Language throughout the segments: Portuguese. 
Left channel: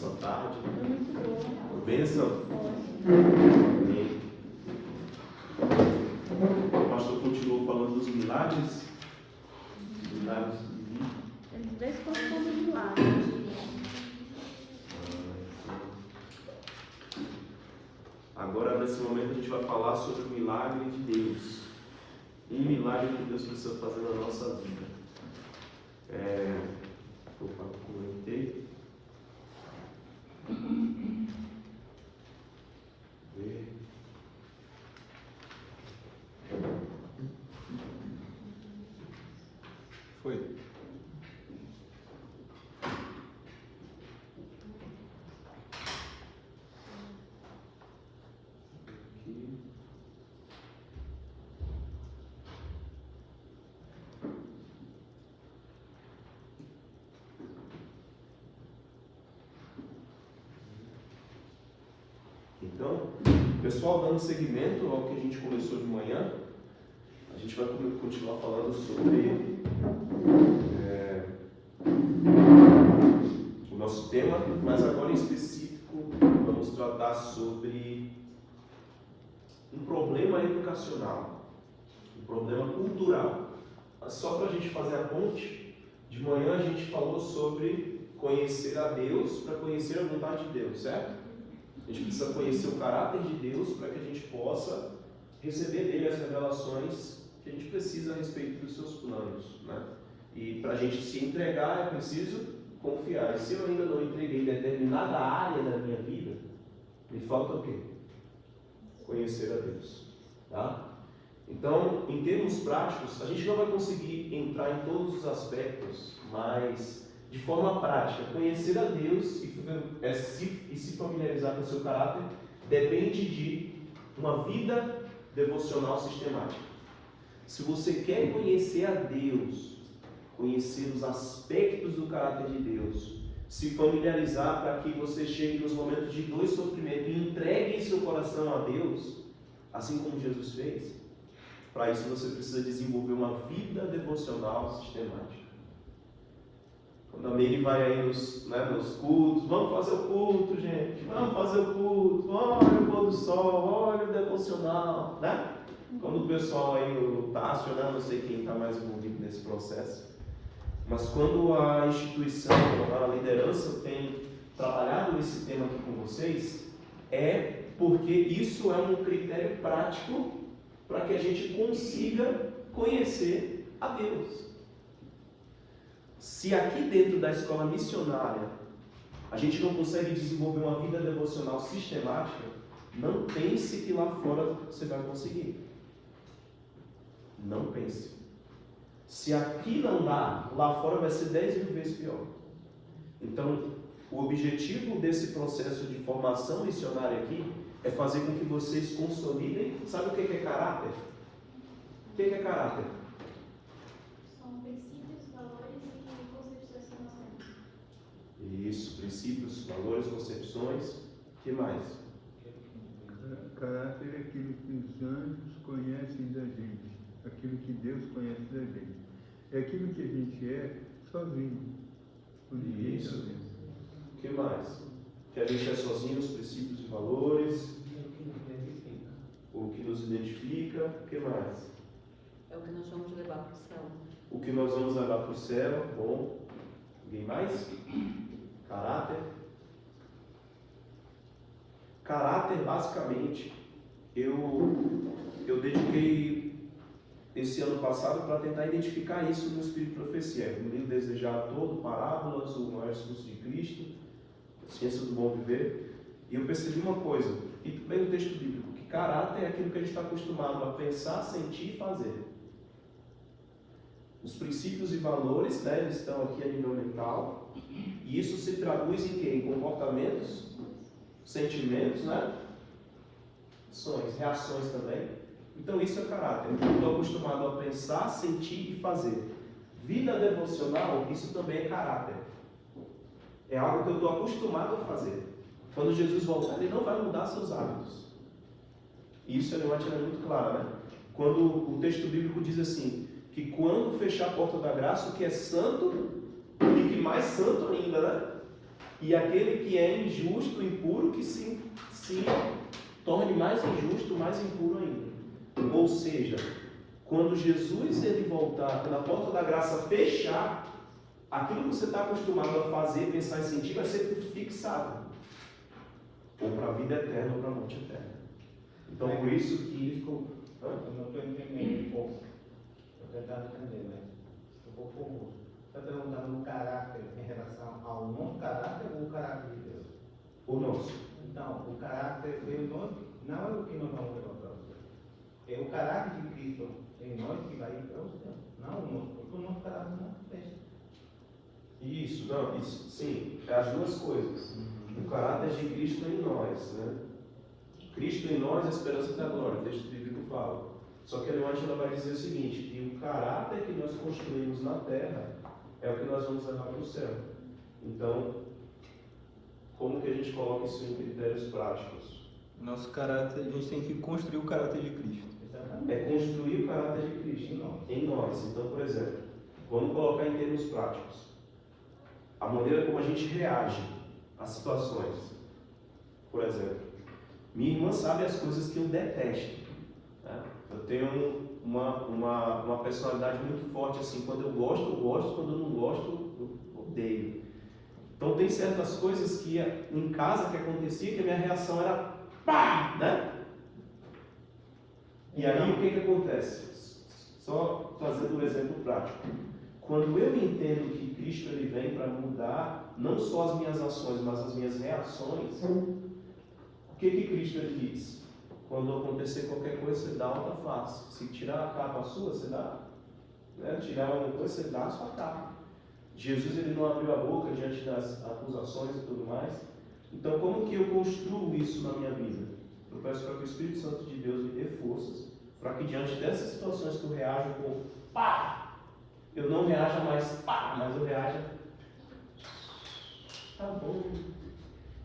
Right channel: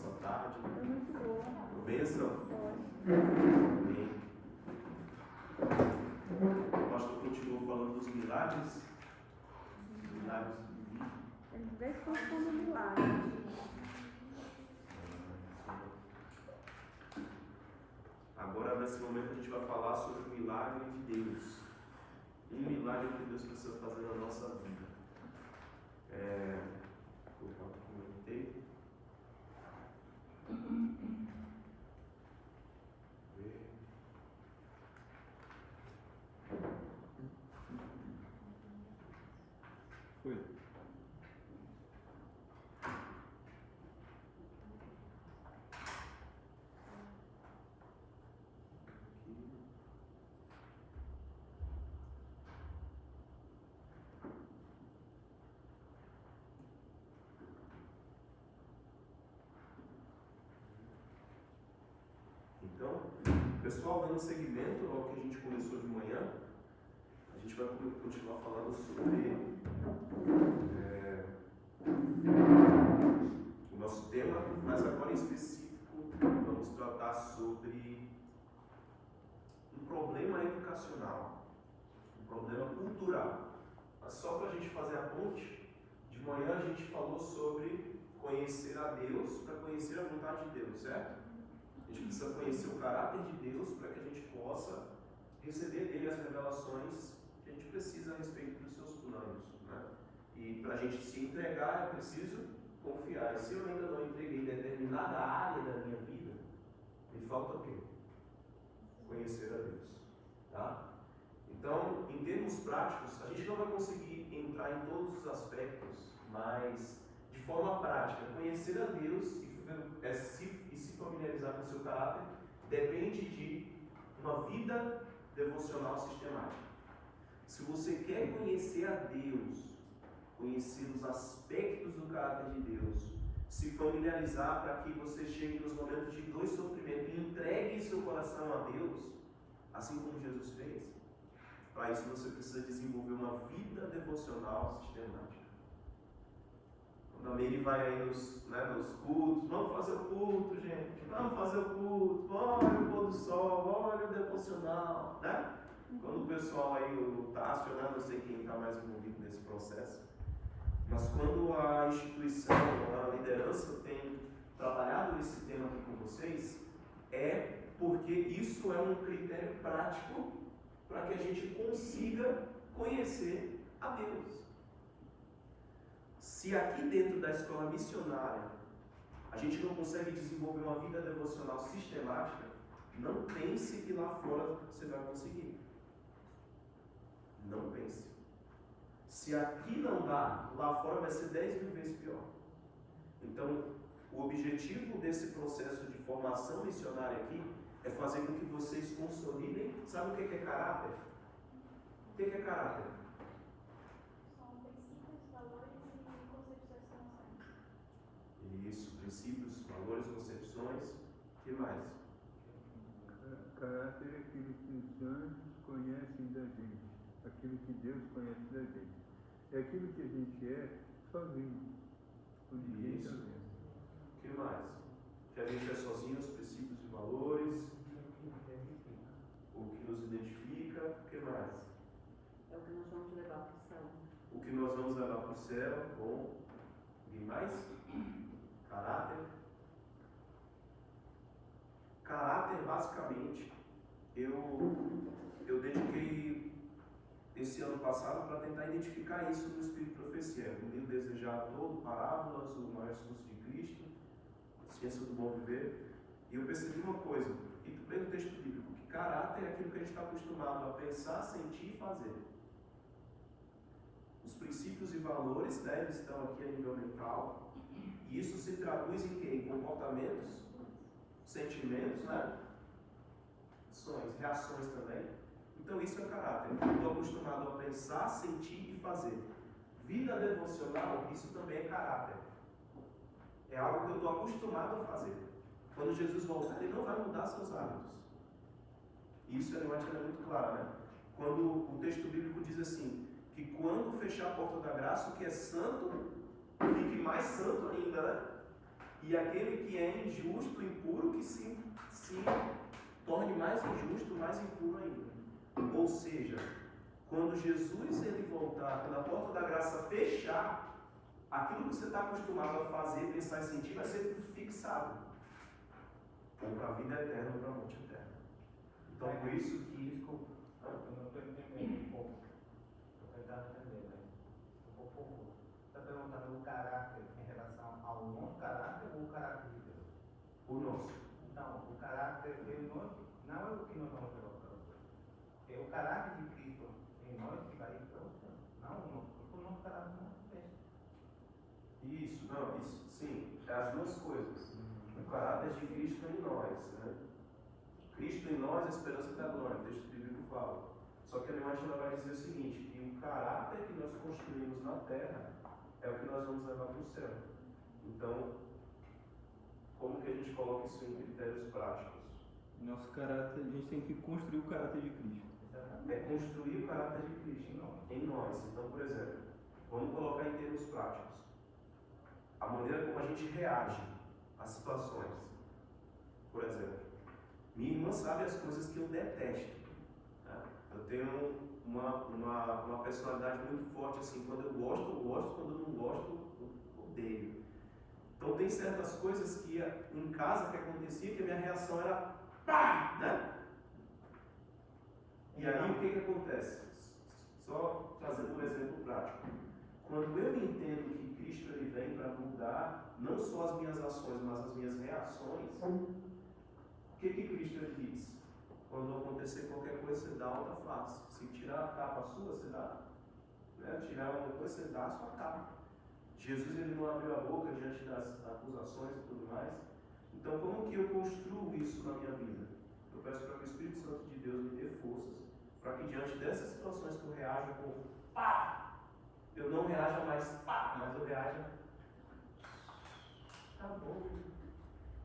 essa tarde? Foi muito boa. Bênção? Foi. Amém. O pastor continuou falando dos milagres. Milagres de vida. Eles dois foram de milagres. Agora, nesse momento, a gente vai falar sobre o milagre de Deus. Um milagre que Deus precisa fazer na nossa vida. Opa, comentei. Foi. Então, pessoal, dando seguimento ao que a gente começou de manhã, a gente vai continuar falando sobre o nosso tema, mas agora em específico vamos tratar sobre um problema educacional, um problema cultural. Só para a gente fazer a ponte, de manhã a gente falou sobre conhecer a Deus para conhecer a vontade de Deus, certo? A gente precisa conhecer o caráter de Deus para que a gente possa receber dele as revelações que a gente precisa a respeito dos seus planos, né? E para a gente se entregar é preciso confiar. E se eu ainda não entreguei determinada área da minha vida, me falta o quê? Conhecer a Deus, tá? Então, em termos práticos, a gente não vai conseguir entrar em todos os aspectos, mas de forma prática, conhecer a Deus e se familiarizar com o seu caráter depende de uma vida devocional sistemática. Se você quer conhecer a Deus, conhecer os aspectos do caráter de Deus, se familiarizar para que você chegue nos momentos de dor e sofrimento e entregue seu coração a Deus, assim como Jesus fez, para isso você precisa desenvolver uma vida devocional sistemática. Quando a Meire vai aí nos cultos, vamos fazer o culto, gente, vamos fazer o culto, olha o pôr do sol, olha o devocional, né? Quando o pessoal aí, o Tássio, né? Não sei quem está mais envolvido nesse processo, mas quando a instituição, a liderança tem trabalhado esse tema aqui com vocês, é porque isso é um critério prático para que a gente consiga conhecer a Deus. Se aqui dentro da escola missionária a gente não consegue desenvolver uma vida devocional sistemática, não pense que lá fora você vai conseguir. Não pense. Se aqui não dá, lá fora vai ser 10 mil vezes pior. Então, o objetivo desse processo de formação missionária aqui é fazer com que vocês consolidem. Sabe o que é caráter? O que é caráter? São princípios, valores e concepções que nós temos. Isso, princípios, valores, concepções. O que mais? Caráter é aquilo que os anjos conhecem da gente, aquilo que Deus conhece da gente. É aquilo que a gente é sozinho. Isso. O que mais? Que a gente é sozinho, os princípios e valores. O que nos identifica. O que mais? É o que nós vamos levar para o céu. O que nós vamos levar para o céu. Bom. Ninguém mais? Caráter. Caráter, basicamente, eu dediquei esse ano passado para tentar identificar isso no Espírito de Profecia. No livro Desejar Todo, Parábolas, o Maior Discurso de Cristo, Ciência do Bom Viver. E eu percebi uma coisa, e também no texto bíblico, que caráter é aquilo que a gente está acostumado a pensar, sentir e fazer. Os princípios e valores, né, eles estão aqui a nível mental, e isso se traduz em quê? Em comportamentos, sentimentos, né? Ações, reações também. Então isso é caráter. Eu estou acostumado a pensar, sentir e fazer. Vida devocional, isso também é caráter. É algo que eu estou acostumado a fazer. Quando Jesus voltar, ele não vai mudar seus hábitos. Isso é de uma maneira muito clara, né? Quando o texto bíblico diz assim, que quando fechar a porta da graça, o que é santo, fique mais santo ainda, né? E aquele que é injusto, impuro, que se torne mais injusto, mais impuro ainda. Ou seja, quando Jesus ele voltar, quando a porta da graça fechar, aquilo que você está acostumado a fazer, pensar e sentir, vai ser tudo fixado. Ou para a vida eterna, ou para a morte eterna. Então, por isso que... Desculpa, eu não estou entendendo um pouco. Eu estou tentando entender, mas estou um pouco confuso. Você está perguntando o caráter em relação ao nosso caráter ou o caráter de Deus? O nosso. Então, o caráter de nós não é o que nós vamos levar para o céu. É o caráter de Cristo em nós que vai ir para o céu. Não o nosso, porque o nosso caráter não fecha. Isso, não, isso, sim, é as duas coisas. O caráter de Cristo em nós, né? Cristo em nós é a esperança da glória, o texto bíblico fala. Só que a Ângela vai dizer o seguinte, que o caráter que nós construímos na terra é o que nós vamos levar para o céu. Então, como que a gente coloca isso em critérios práticos? Nosso caráter, a gente tem que construir o caráter de Cristo. É construir o caráter de Cristo em nós. Então, por exemplo, vamos colocar em termos práticos. A maneira como a gente reage às situações. Por exemplo, minha irmã sabe as coisas que eu detesto. Né? Eu tenho uma personalidade muito forte, assim, quando eu gosto, quando eu não gosto, eu odeio. Então tem certas coisas que em casa que acontecia que a minha reação era pá, né? E aí o que acontece? Só fazendo um exemplo prático. Quando eu entendo que Cristo ele vem para mudar não só as minhas ações, mas as minhas reações, o que Cristo ele diz? Quando acontecer qualquer coisa, você dá alta face. Se tirar a capa sua, você dá. Né? Tirar uma coisa, você dá a sua capa. Jesus ele não abriu a boca diante das acusações e tudo mais. Então, como que eu construo isso na minha vida? Eu peço para que o Espírito Santo de Deus me dê forças para que diante dessas situações que eu reajo com pá, eu não reaja mais pá, mas eu reaja tá bom.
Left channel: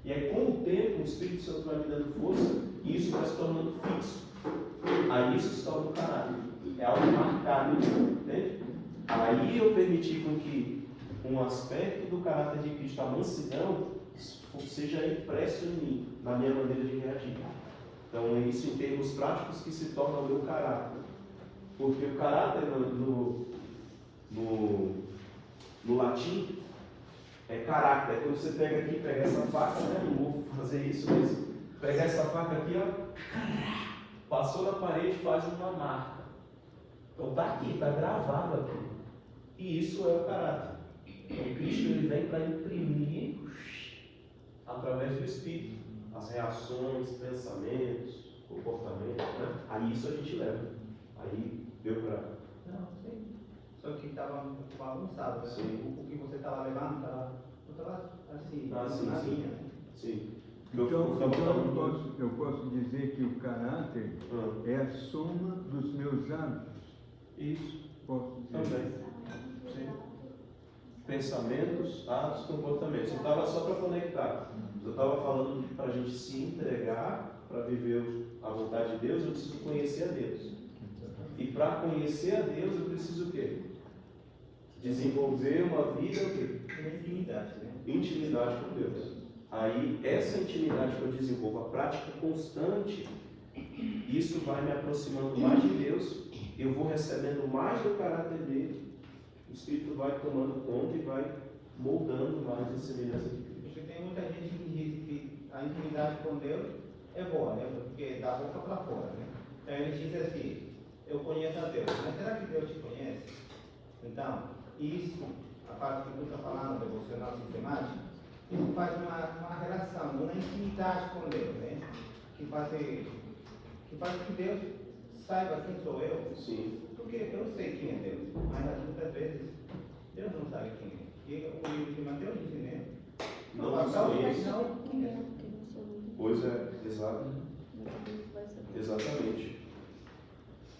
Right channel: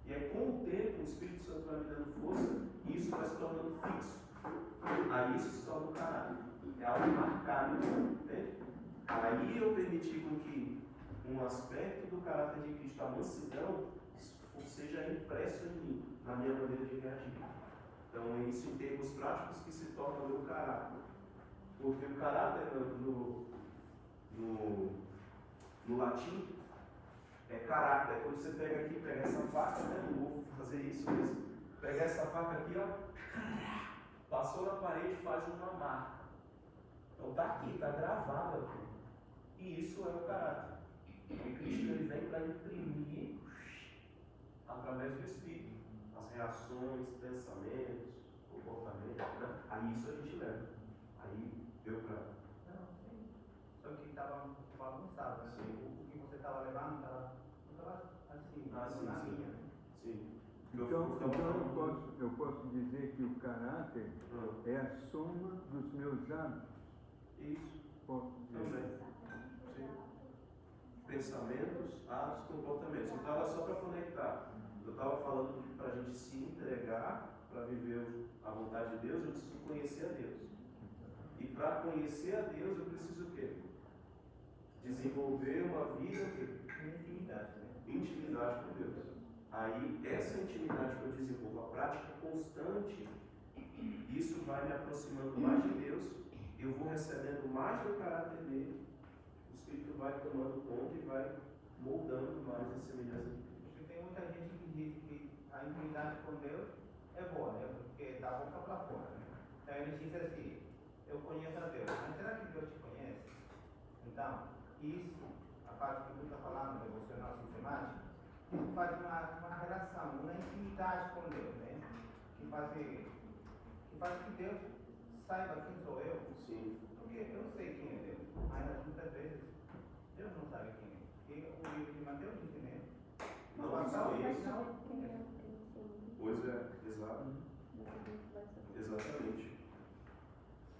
E aí, com o tempo, o Espírito Santo vai me dando força e isso vai se tornando fixo. Aí isso se torna um caráter. É algo marcado, entende? Aí eu permiti com que um aspecto do caráter de Cristo, a mansidão, seja impresso em mim, na minha maneira de reagir. Então, é isso em termos práticos que se torna o meu caráter. Porque o caráter no latim é caráter. É quando você pega aqui, pega essa faca, né? Não vou fazer isso, mas pega essa faca aqui, ó, passou na parede, faz uma marca. Então está aqui, está gravado aqui. E isso é o caráter. E Cristo ele vem para imprimir através do Espírito as reações, pensamentos, comportamentos, né? Aí isso a gente leva. Aí deu para. Não, sim. Só que estava bagunçado, né? Sim. O que você estava levando estava assim, Sim, na sim. linha. Sim. Então eu posso dizer que o caráter é a soma dos meus hábitos. Isso. Posso dizer. Também. Sim. Pensamentos, atos, comportamentos. Eu estava só para conectar. Eu estava falando para a gente se entregar para viver a vontade de Deus, eu preciso conhecer a Deus. E para conhecer a Deus, eu preciso o quê? Desenvolver uma vida o quê? Intimidade, né? Intimidade com Deus. Aí, essa intimidade que eu desenvolvo, a prática constante, isso vai me aproximando mais de Deus, eu vou recebendo mais do caráter dele, o Espírito vai tomando conta e vai moldando mais a semelhança de Cristo. Porque tem muita gente que diz que a intimidade com Deus é boa, né? Porque é da boca para fora, né? Então ele diz assim, eu conheço a Deus, mas será que Deus te conhece? Então, isso, a parte que tu está falando, devocional sistemático, isso faz uma relação, uma intimidade com Deus, né? Que faz que Deus saiba quem sou eu. Sim. Porque eu sei quem é Deus, mas muitas vezes Deus não sabe quem é. E o livro de Mateus diz, né? Não conheço. Não. Pois é, exato. Exatamente.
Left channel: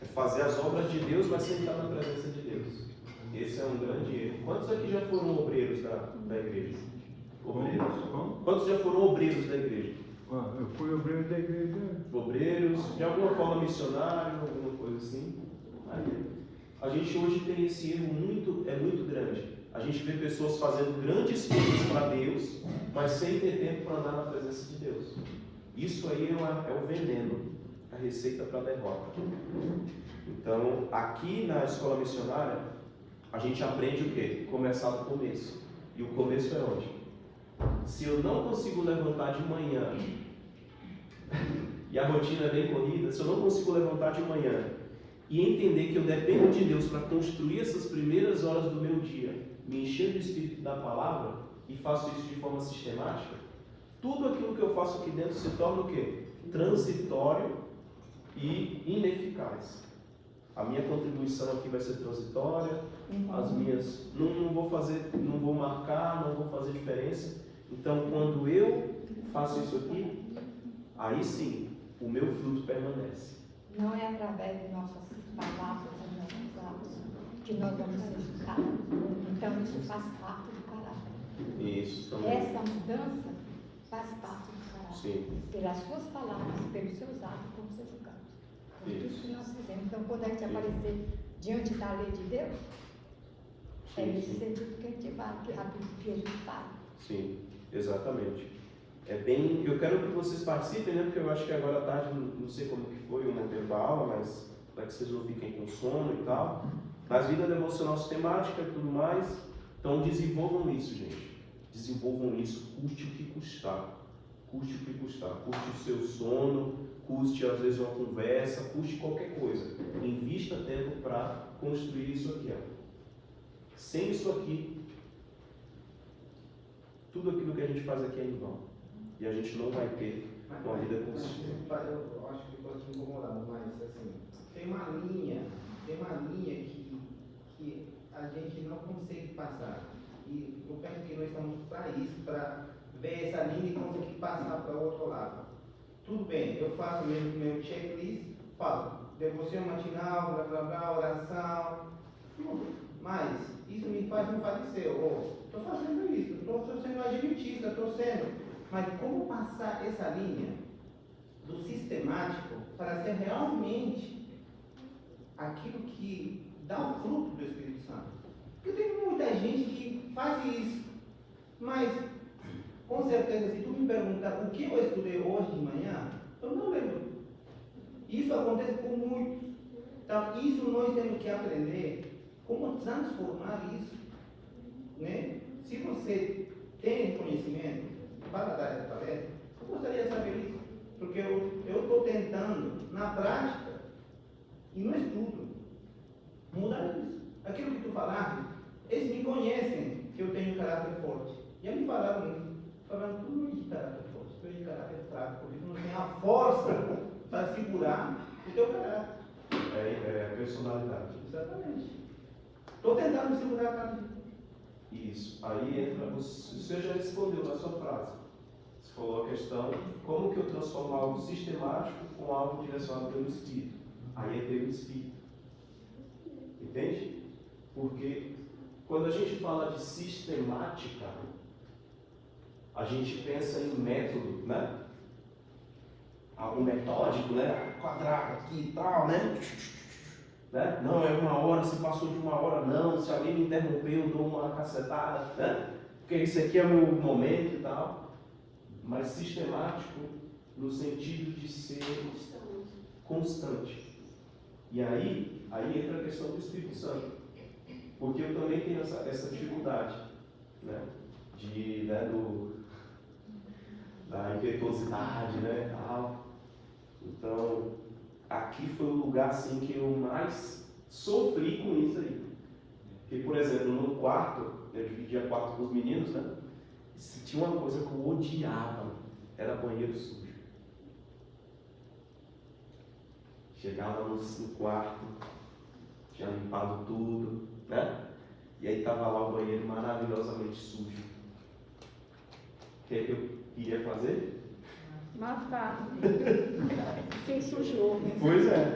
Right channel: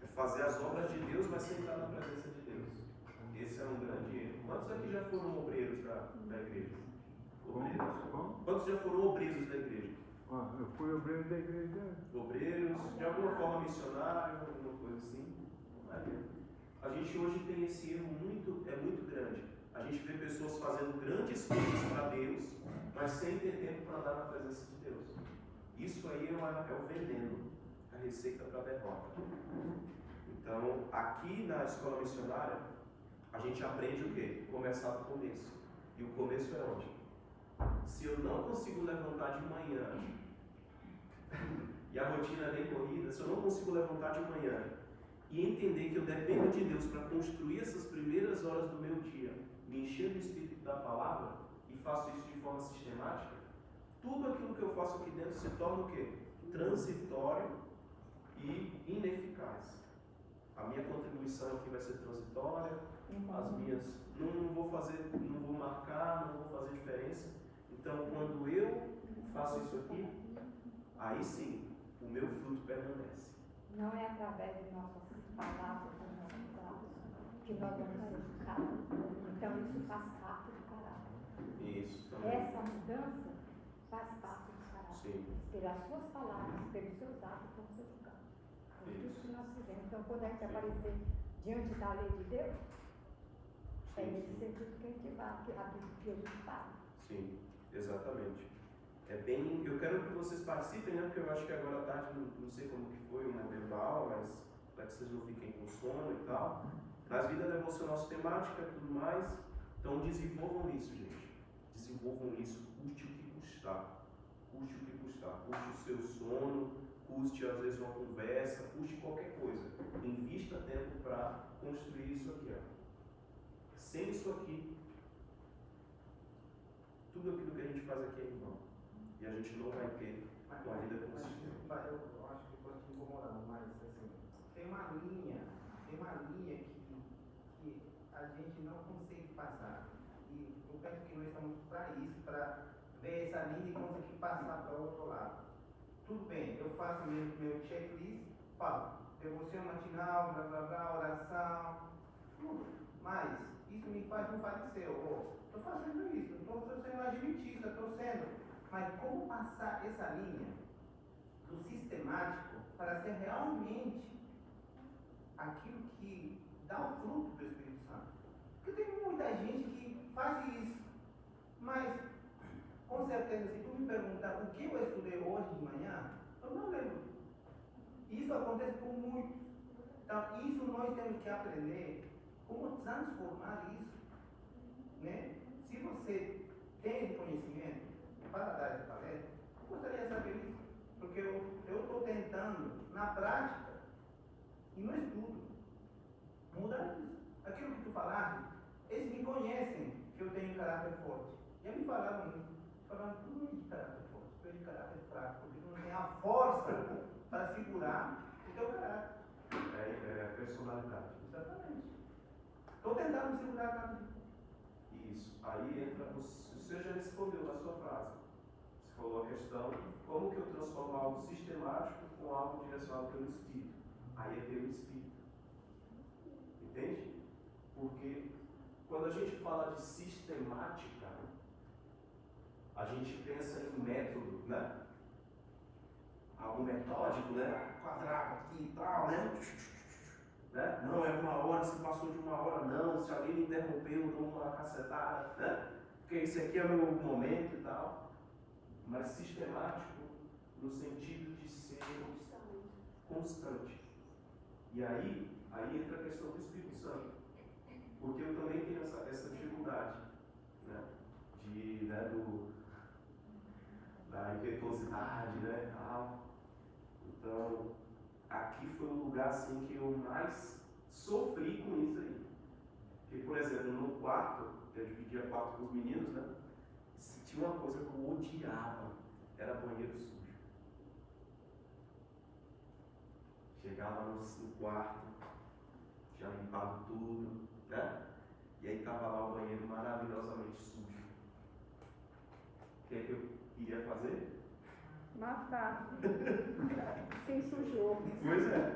É fazer as obras de Deus, mas sentar na presença de Deus. Esse é um grande erro. Quantos aqui já foram obreiros da igreja? Obreiros. Quantos já foram obreiros da igreja? Eu fui obreiro da igreja. Obreiros, de alguma forma missionário, alguma coisa assim. Aí, a gente hoje tem esse erro muito grande. A gente vê pessoas fazendo grandes coisas para Deus, mas sem ter tempo para andar na presença de Deus. Isso aí é o veneno, a receita para a derrota. Então, aqui na escola missionária, a gente aprende o quê? Começar do começo. E o começo é onde? Se eu não consigo levantar de manhã, e a rotina é bem corrida, se eu não consigo levantar de manhã e entender que eu dependo de Deus para construir essas primeiras horas do meu dia, me encher do Espírito da Palavra, e faço isso de forma sistemática, tudo aquilo que eu faço aqui dentro se torna o quê? Transitório e ineficaz. A minha contribuição aqui vai ser transitória, as minhas não vou marcar, não vou fazer diferença. Então, quando eu faço isso aqui, aí sim, o meu fruto permanece. Não é através de nossas palavras e nossos atos que nós vamos ser julgados. Então, isso faz parte do caráter. Isso também. Essa mudança faz parte do caráter. Sim. Pelas suas palavras, pelos seus atos, vão ser julgados. Por tudo que nós fizemos. Então, quando a gente aparecer diante da lei de Deus, é nesse sentido que a gente vai, que a gente fala. Sim, exatamente. Eu quero que vocês participem, né? Porque eu acho que agora à tarde, não sei como que foi o modelo da aula, mas para que vocês não fiquem com sono e tal. Mas vida devocional sistemática e tudo mais. Então desenvolvam isso, gente. Desenvolvam isso, custe o que custar. Custe o que custar. Custe o seu sono, custe às vezes uma conversa, custe qualquer coisa. Invista tempo para construir isso aqui. Ó. Sem isso aqui, tudo aquilo que a gente faz aqui é em vão. E a gente não vai ter uma vida consistente. Eu acho que pode te incomodar, mas assim, tem uma linha que a gente não consegue passar. E eu penso que nós estamos para isso, para ver essa linha e conseguir passar para o outro lado. Tudo bem, eu faço meu checklist, falo, devoção matinal, blá blá blá, oração, mas isso me faz me padecer. Estou fazendo isso, estou sendo adventista, estou sendo. Mas como passar essa linha do sistemático para ser realmente aquilo que dá o fruto do Espírito Santo? Porque tem muita gente que faz isso, mas com certeza, se tu me perguntar o que eu estudei hoje de manhã, eu não lembro. Isso acontece com muitos. Então, isso nós temos que aprender como transformar isso. Né? Se você tem conhecimento para dar essa palestra, eu gostaria de saber isso. Porque eu estou tentando, na prática e no estudo, mudar isso. Aquilo que tu falaste, eles me conhecem que eu tenho caráter forte. Já me falaram isso. Falaram, tu não é de caráter forte, tu é de caráter fraco, porque tu não tem a força para segurar o teu caráter. É a personalidade. Exatamente. Estou tentando segurar a caráter. Isso. Aí entra, você já respondeu na sua frase. Você falou a questão, como que eu transformo algo sistemático com algo direcionado pelo Espírito? Aí é pelo Espírito. Entende? Porque quando a gente fala de sistemática, a gente pensa em método, né? Algo metódico, né? Quadrado aqui e tal, né? Não, é 1 hora, se passou de 1 hora, não. Se alguém me interrompeu, eu dou uma cacetada, né? Porque esse aqui é o meu momento e tal. Mas sistemático no sentido de ser constante. E aí entra a questão do Espírito Santo. Porque eu também tenho essa dificuldade, né? Da impetuosidade, né? Então, aqui foi o lugar assim, que eu mais sofri com isso aí. Porque, por exemplo, no quarto, eu dividia quarto com os meninos, né? Se tinha uma coisa que eu odiava, era banheiro sujo. Chegava no quarto, tinha limpado tudo, né? E aí estava lá o banheiro maravilhosamente sujo. O que é que eu iria fazer? Matar. Quem sujou. Pois é.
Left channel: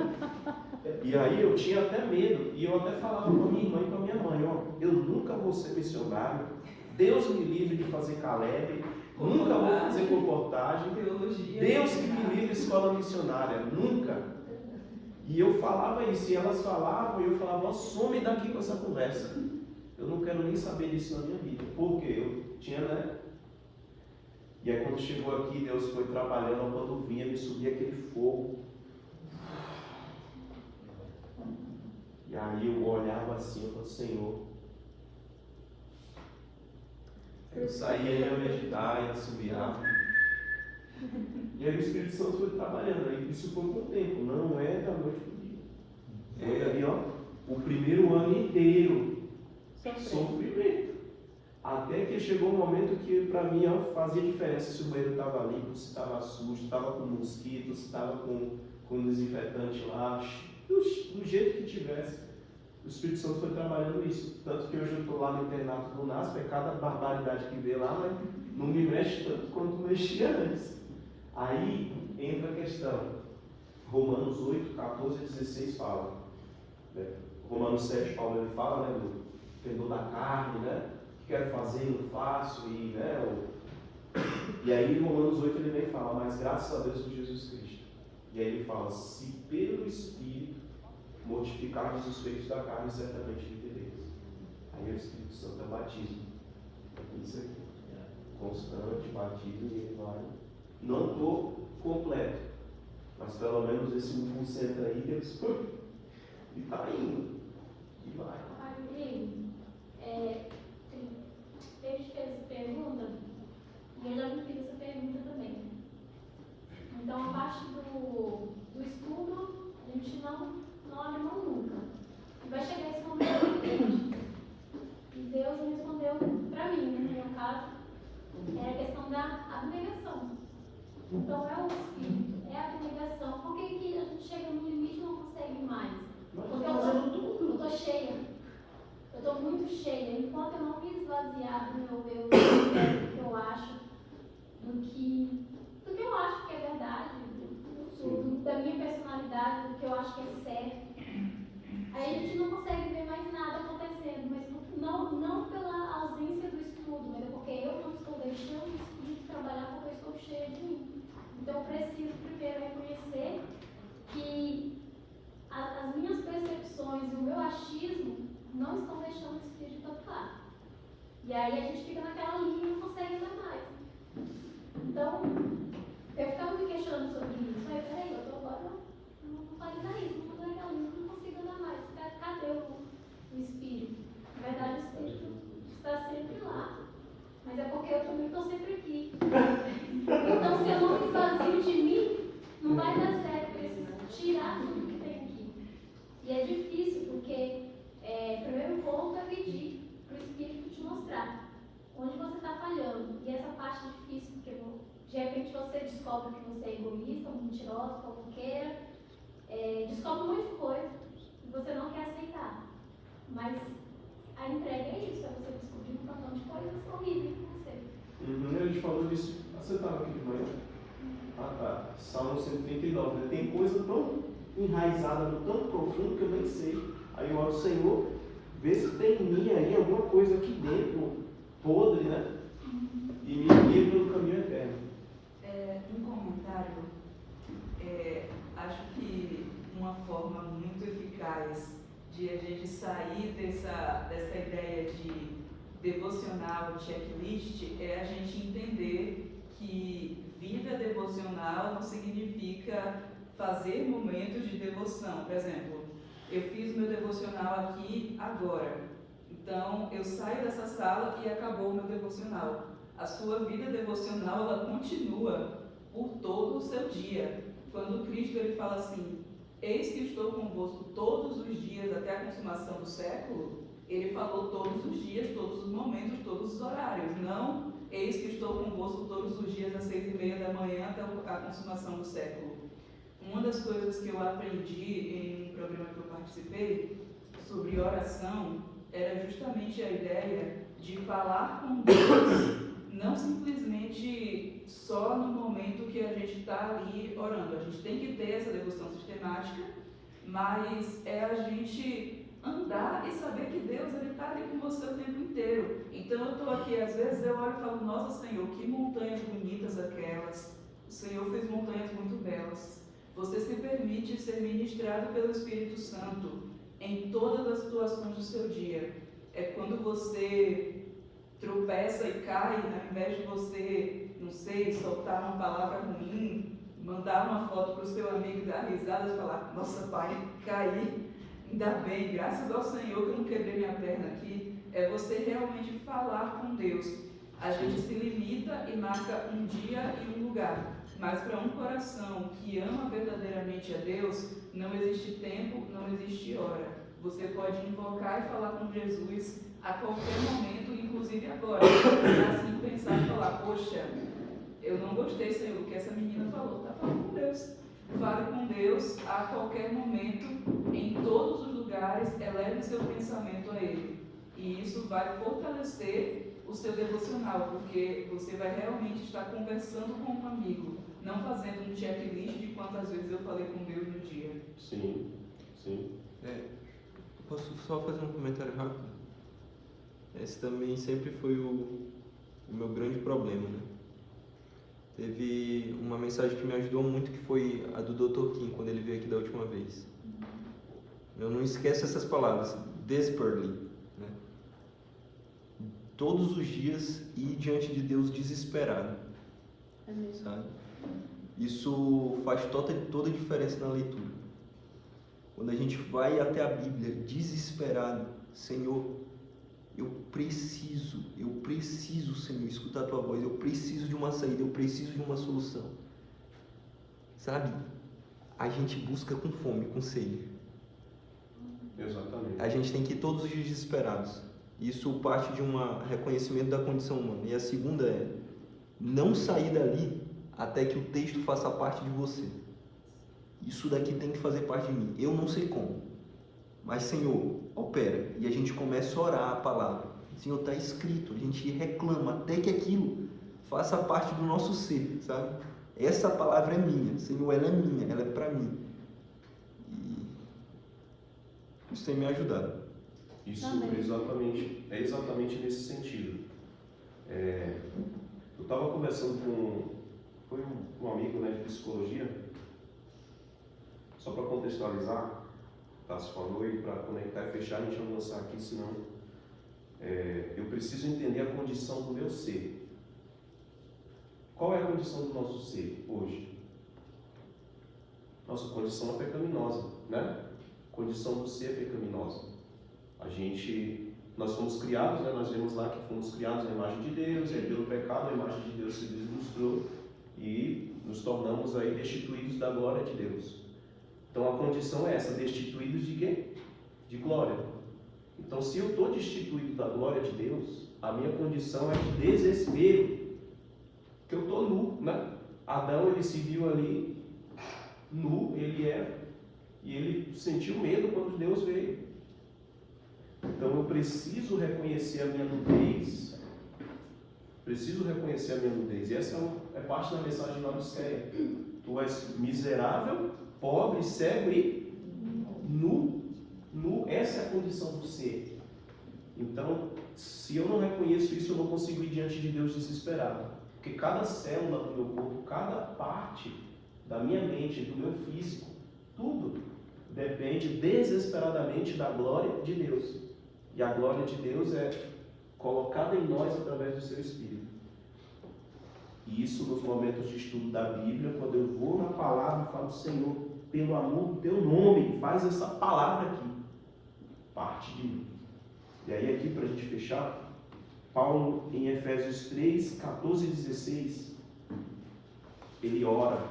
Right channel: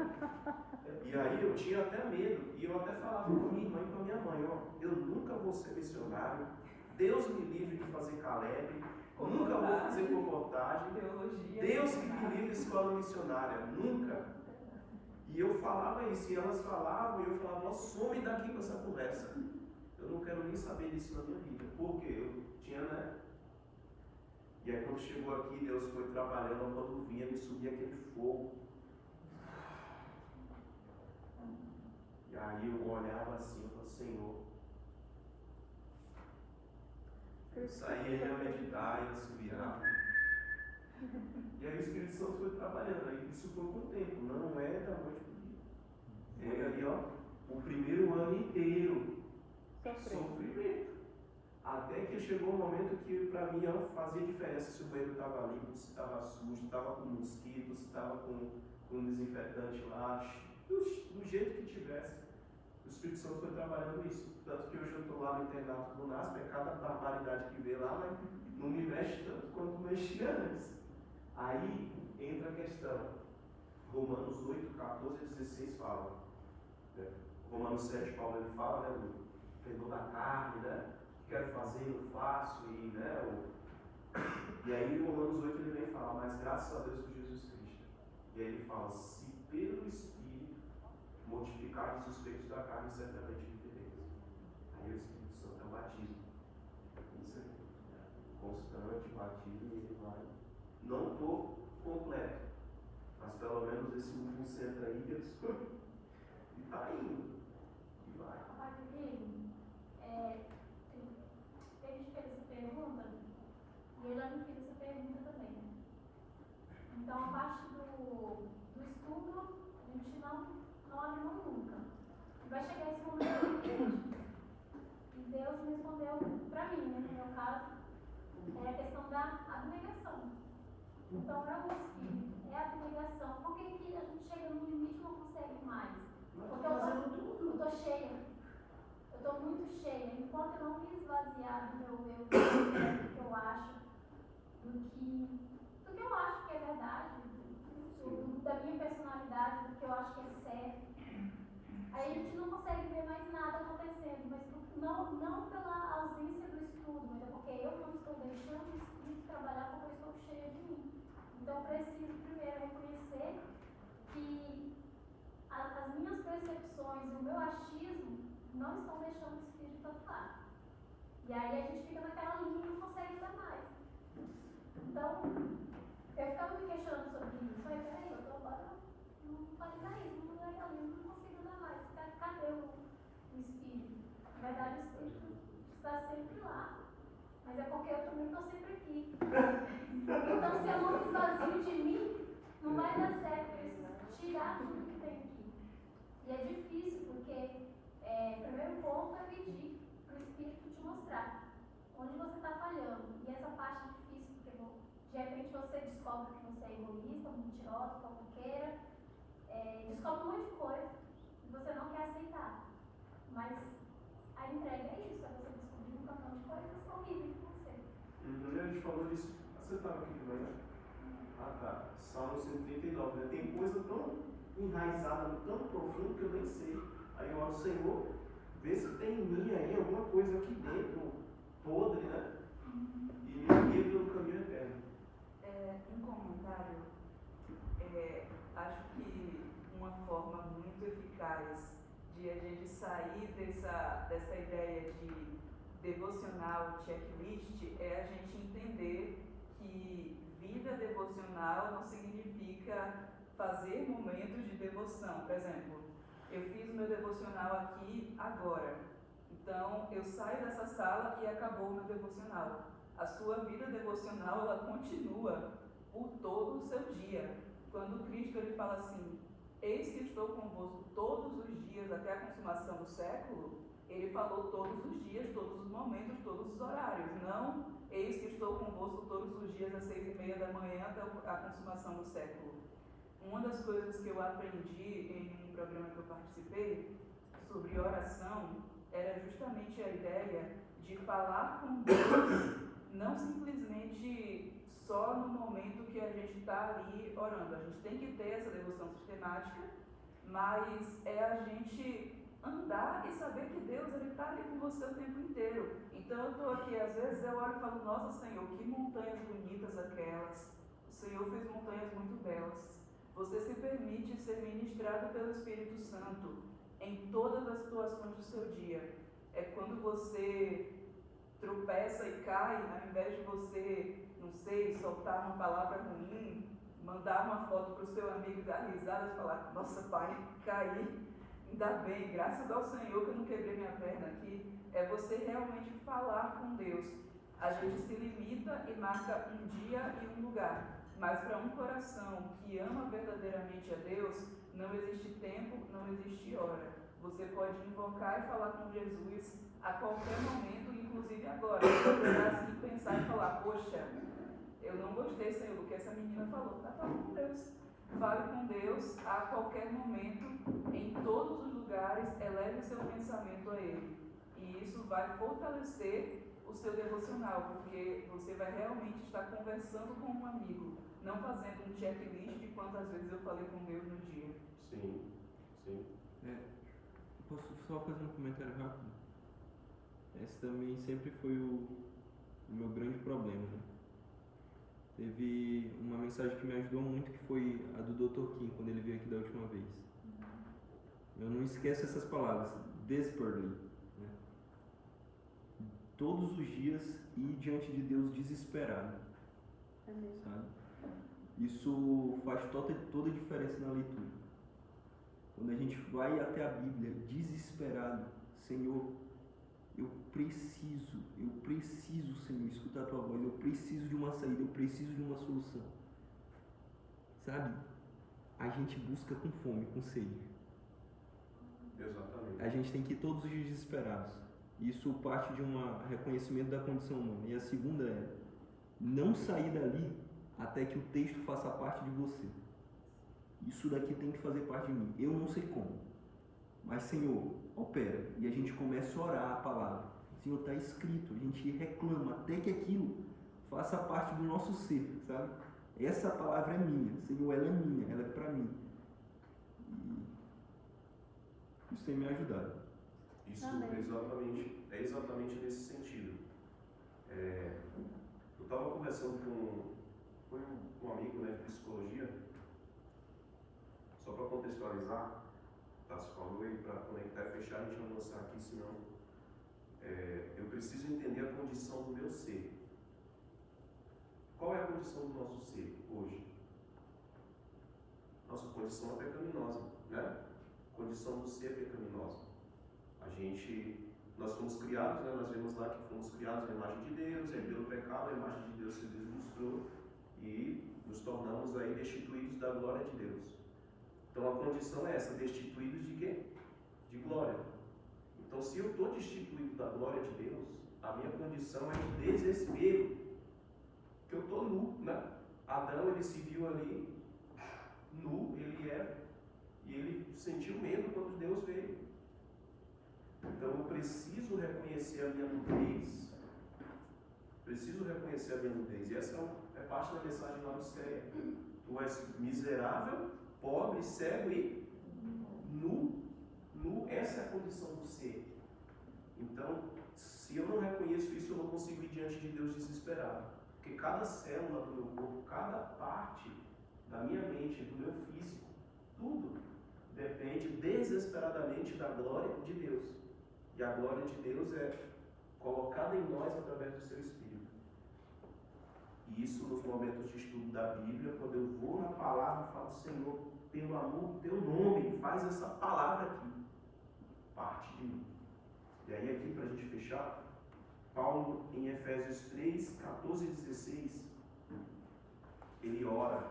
E aí eu tinha até medo. E eu até falava com a minha irmã e com a minha mãe, ó, eu nunca vou ser missionário. Deus me livre de fazer Caleb. Nunca vou fazer comportagem. Deus que me livre de escola missionária. Nunca. E eu falava isso. E elas falavam. E eu falava, ó, some daqui com essa conversa. Eu não quero nem saber disso na minha vida. Porque eu tinha, né? E aí quando chegou aqui, Deus foi trabalhando, quando vinha, me subia aquele fogo. E aí eu olhava assim, eu falava, Senhor. Eu saía e ia meditar, ia assobiar. E aí o Espírito Santo foi trabalhando. Aí isso foi com o tempo, não é da noite pro dia. Foi ali, ó, o primeiro ano inteiro. Sofrimento. Até que chegou um momento que para mim ó, fazia diferença se o banheiro estava limpo, se estava sujo, se estava com mosquito, se estava com desinfetante lá, do jeito que tivesse. O Espírito Santo foi trabalhando isso. Tanto que hoje eu estou lá no internato do NASP, é cada barbaridade que vê lá, mas não me mexe tanto quanto mexia antes. Aí entra a questão. Romanos 8, 14 e 16 fala. Né? Romanos 7, Paulo ele fala, né, do fedor da carne, né? Que quero fazer e não faço, e, né, e aí em Romanos 8 ele vem e fala, mas graças a Deus por Jesus Cristo. E aí ele fala, se pelo Espírito mortificarmos os feitos da carne, certamente vivereis. Aí o Espírito Santo é batismo. Isso aqui. Constante, batismo, e ele vai. Não estou completo, mas pelo menos esse 1% aí, Deus, e está indo. E vai. Ele te fez essa pergunta e eu já me fiz essa pergunta também. Então, a parte do estudo, a gente não abre mão nunca. E vai chegar esse momento e Deus me respondeu para mim, né, no meu caso, é a questão da abnegação. Então, é o Espírito, é a abnegação. Por que que a gente chega no limite e não consegue mais? Porque eu estou cheia. Eu estou muito cheia. Enquanto eu não me esvaziar do meu eu, do que eu acho, do que eu acho que é verdade, da minha personalidade, do que eu acho que é certo, aí a gente não consegue ver mais nada acontecendo, mas não pela ausência do estudo, mas é porque eu não estou deixando o Espírito trabalhar porque eu estou cheia de mim. Então eu preciso primeiro reconhecer que as minhas percepções e o meu achismo não estão deixando o Espírito atuar. E aí a gente fica naquela linha e não consegue andar mais. Então, eu ficava me questionando sobre isso. Aí, peraí, eu tô agora não fazendo isso, não fazendo aquela linha, não consigo andar mais. Cadê o Espírito? Na verdade, o Espírito está sempre lá. Mas é porque eu também estou sempre aqui. Então, se eu não me esvazio de mim, não vai dar certo. Eu preciso tirar tudo que tem aqui. E é difícil, porque primeiro ponto é pedir para o Espírito te mostrar onde você está falhando. E essa parte é difícil, porque de repente você descobre que você é egoísta, mentirosa, fofoqueira, descobre um monte de coisa que você não quer aceitar. Mas a entrega é isso, é você descobrir um montão de coisas horríveis em você. A gente falou disso. Você estava aqui de manhã? Ah, tá. Salmo 139, né? Tem coisa tão enraizada, tão profunda que eu nem sei. Aí eu oro, Senhor, vê se tem em mim aí alguma coisa aqui dentro, podre, né? E me guia pelo caminho eterno. Um comentário, acho que uma forma muito eficaz de a gente sair dessa ideia de devocional, checklist, é a gente entender que vida devocional não significa fazer momentos de devoção. Por exemplo, eu fiz meu devocional aqui agora, então eu saio dessa sala e acabou o meu devocional. A sua vida devocional, ela continua por todo o seu dia. Quando Cristo ele fala assim, eis que estou convosco todos os dias até a consumação do século, ele falou todos os dias, todos os momentos, todos os horários. Não, eis que estou convosco todos os dias às 6:30 da manhã até a consumação do século. Uma das coisas que eu aprendi em um programa que eu participei sobre oração era justamente a ideia de falar com Deus, não simplesmente só no momento que a gente está ali orando. A gente tem que ter essa devoção sistemática, mas é a gente andar e saber que Deus está ali com você o tempo inteiro. Então eu estou aqui, às vezes eu olho e falo, nossa Senhor, que montanhas bonitas aquelas. O Senhor fez montanhas muito belas. Você se permite ser ministrado pelo Espírito Santo em todas as situações do seu dia. É quando você tropeça e cai, ao invés de você, não sei, mandar uma foto para o seu amigo, dar risada e falar, nossa pai, caí, ainda bem, graças ao Senhor que eu não quebrei minha perna aqui. É você realmente falar com Deus. A gente se limita e marca um dia e um lugar. Mas para um coração que ama verdadeiramente a Deus, não existe tempo, não existe hora. Você pode invocar e falar com Jesus a qualquer momento, inclusive agora. Assim pensar e falar, poxa, eu não gostei, Senhor, do que essa menina falou. Está falando com Deus. Fale com Deus a qualquer momento, em todos os lugares, eleve o seu pensamento a Ele. E isso vai fortalecer o seu devocional, porque você vai realmente estar conversando com um amigo, não fazendo um checklist de quantas vezes eu falei com Deus no dia. Sim, sim. Posso só fazer um comentário rápido? Esse também sempre foi o meu grande problema, né? Teve uma mensagem que me ajudou muito, que foi a do Dr. Kim, quando ele veio aqui da última vez. Eu não esqueço essas palavras, desperately, né? Todos os dias ir diante de Deus desesperado, sabe? Isso faz toda a diferença na leitura. Quando a gente vai até a Bíblia desesperado, Senhor, eu preciso, Senhor, escutar a Tua voz, eu preciso de uma saída, eu preciso de uma solução. Sabe? A gente busca com fome, com sede. Exatamente. A gente tem que ir todos os dias desesperados. Isso parte de um reconhecimento da condição humana. E a segunda é não sair dali até que o texto faça parte de você. Isso daqui tem que fazer parte de mim. Eu não sei como, mas Senhor, opera. E a gente começa a orar a palavra. Senhor, está escrito. A gente reclama até que aquilo faça parte do nosso ser, sabe? Essa palavra é minha. Senhor, ela é minha, ela é para mim. E isso tem me ajudado. Isso é exatamente nesse sentido. Eu estava conversando com um amigo, né, de psicologia, só para contextualizar, Tassi falou, e para conectar e fechar, a gente vai lançar aqui, senão eu preciso entender a condição do meu ser. Qual é a condição do nosso ser hoje? Nossa condição é pecaminosa, né? A condição do ser é pecaminosa. Nós fomos criados, né? Nós vemos lá que fomos criados na imagem de Deus, e pelo pecado a imagem de Deus se deslustrou e nos tornamos aí destituídos da glória de Deus. Então a condição é essa, destituídos de quê? De glória. Então se eu estou destituído da glória de Deus, a minha condição é de desespero, porque eu estou nu, né? Adão, ele se viu ali nu, e ele sentiu medo quando Deus veio. Então eu preciso reconhecer a minha nudez. E essa é parte da mensagem de Laodiceia. Tu és miserável, pobre, cego e nu. Essa é a condição do ser. Então, se eu não reconheço isso, eu não consigo ir diante de Deus desesperado. Porque cada célula do meu corpo, cada parte da minha mente, do meu físico, tudo depende desesperadamente da glória de Deus. E a glória de Deus é colocada em nós através do seu Espírito. E isso nos momentos de estudo da Bíblia, quando eu vou na palavra e falo, Senhor, pelo amor do teu nome, faz essa palavra aqui parte de mim. E aí aqui, para a gente fechar, Paulo em Efésios 3, 14 e 16, ele ora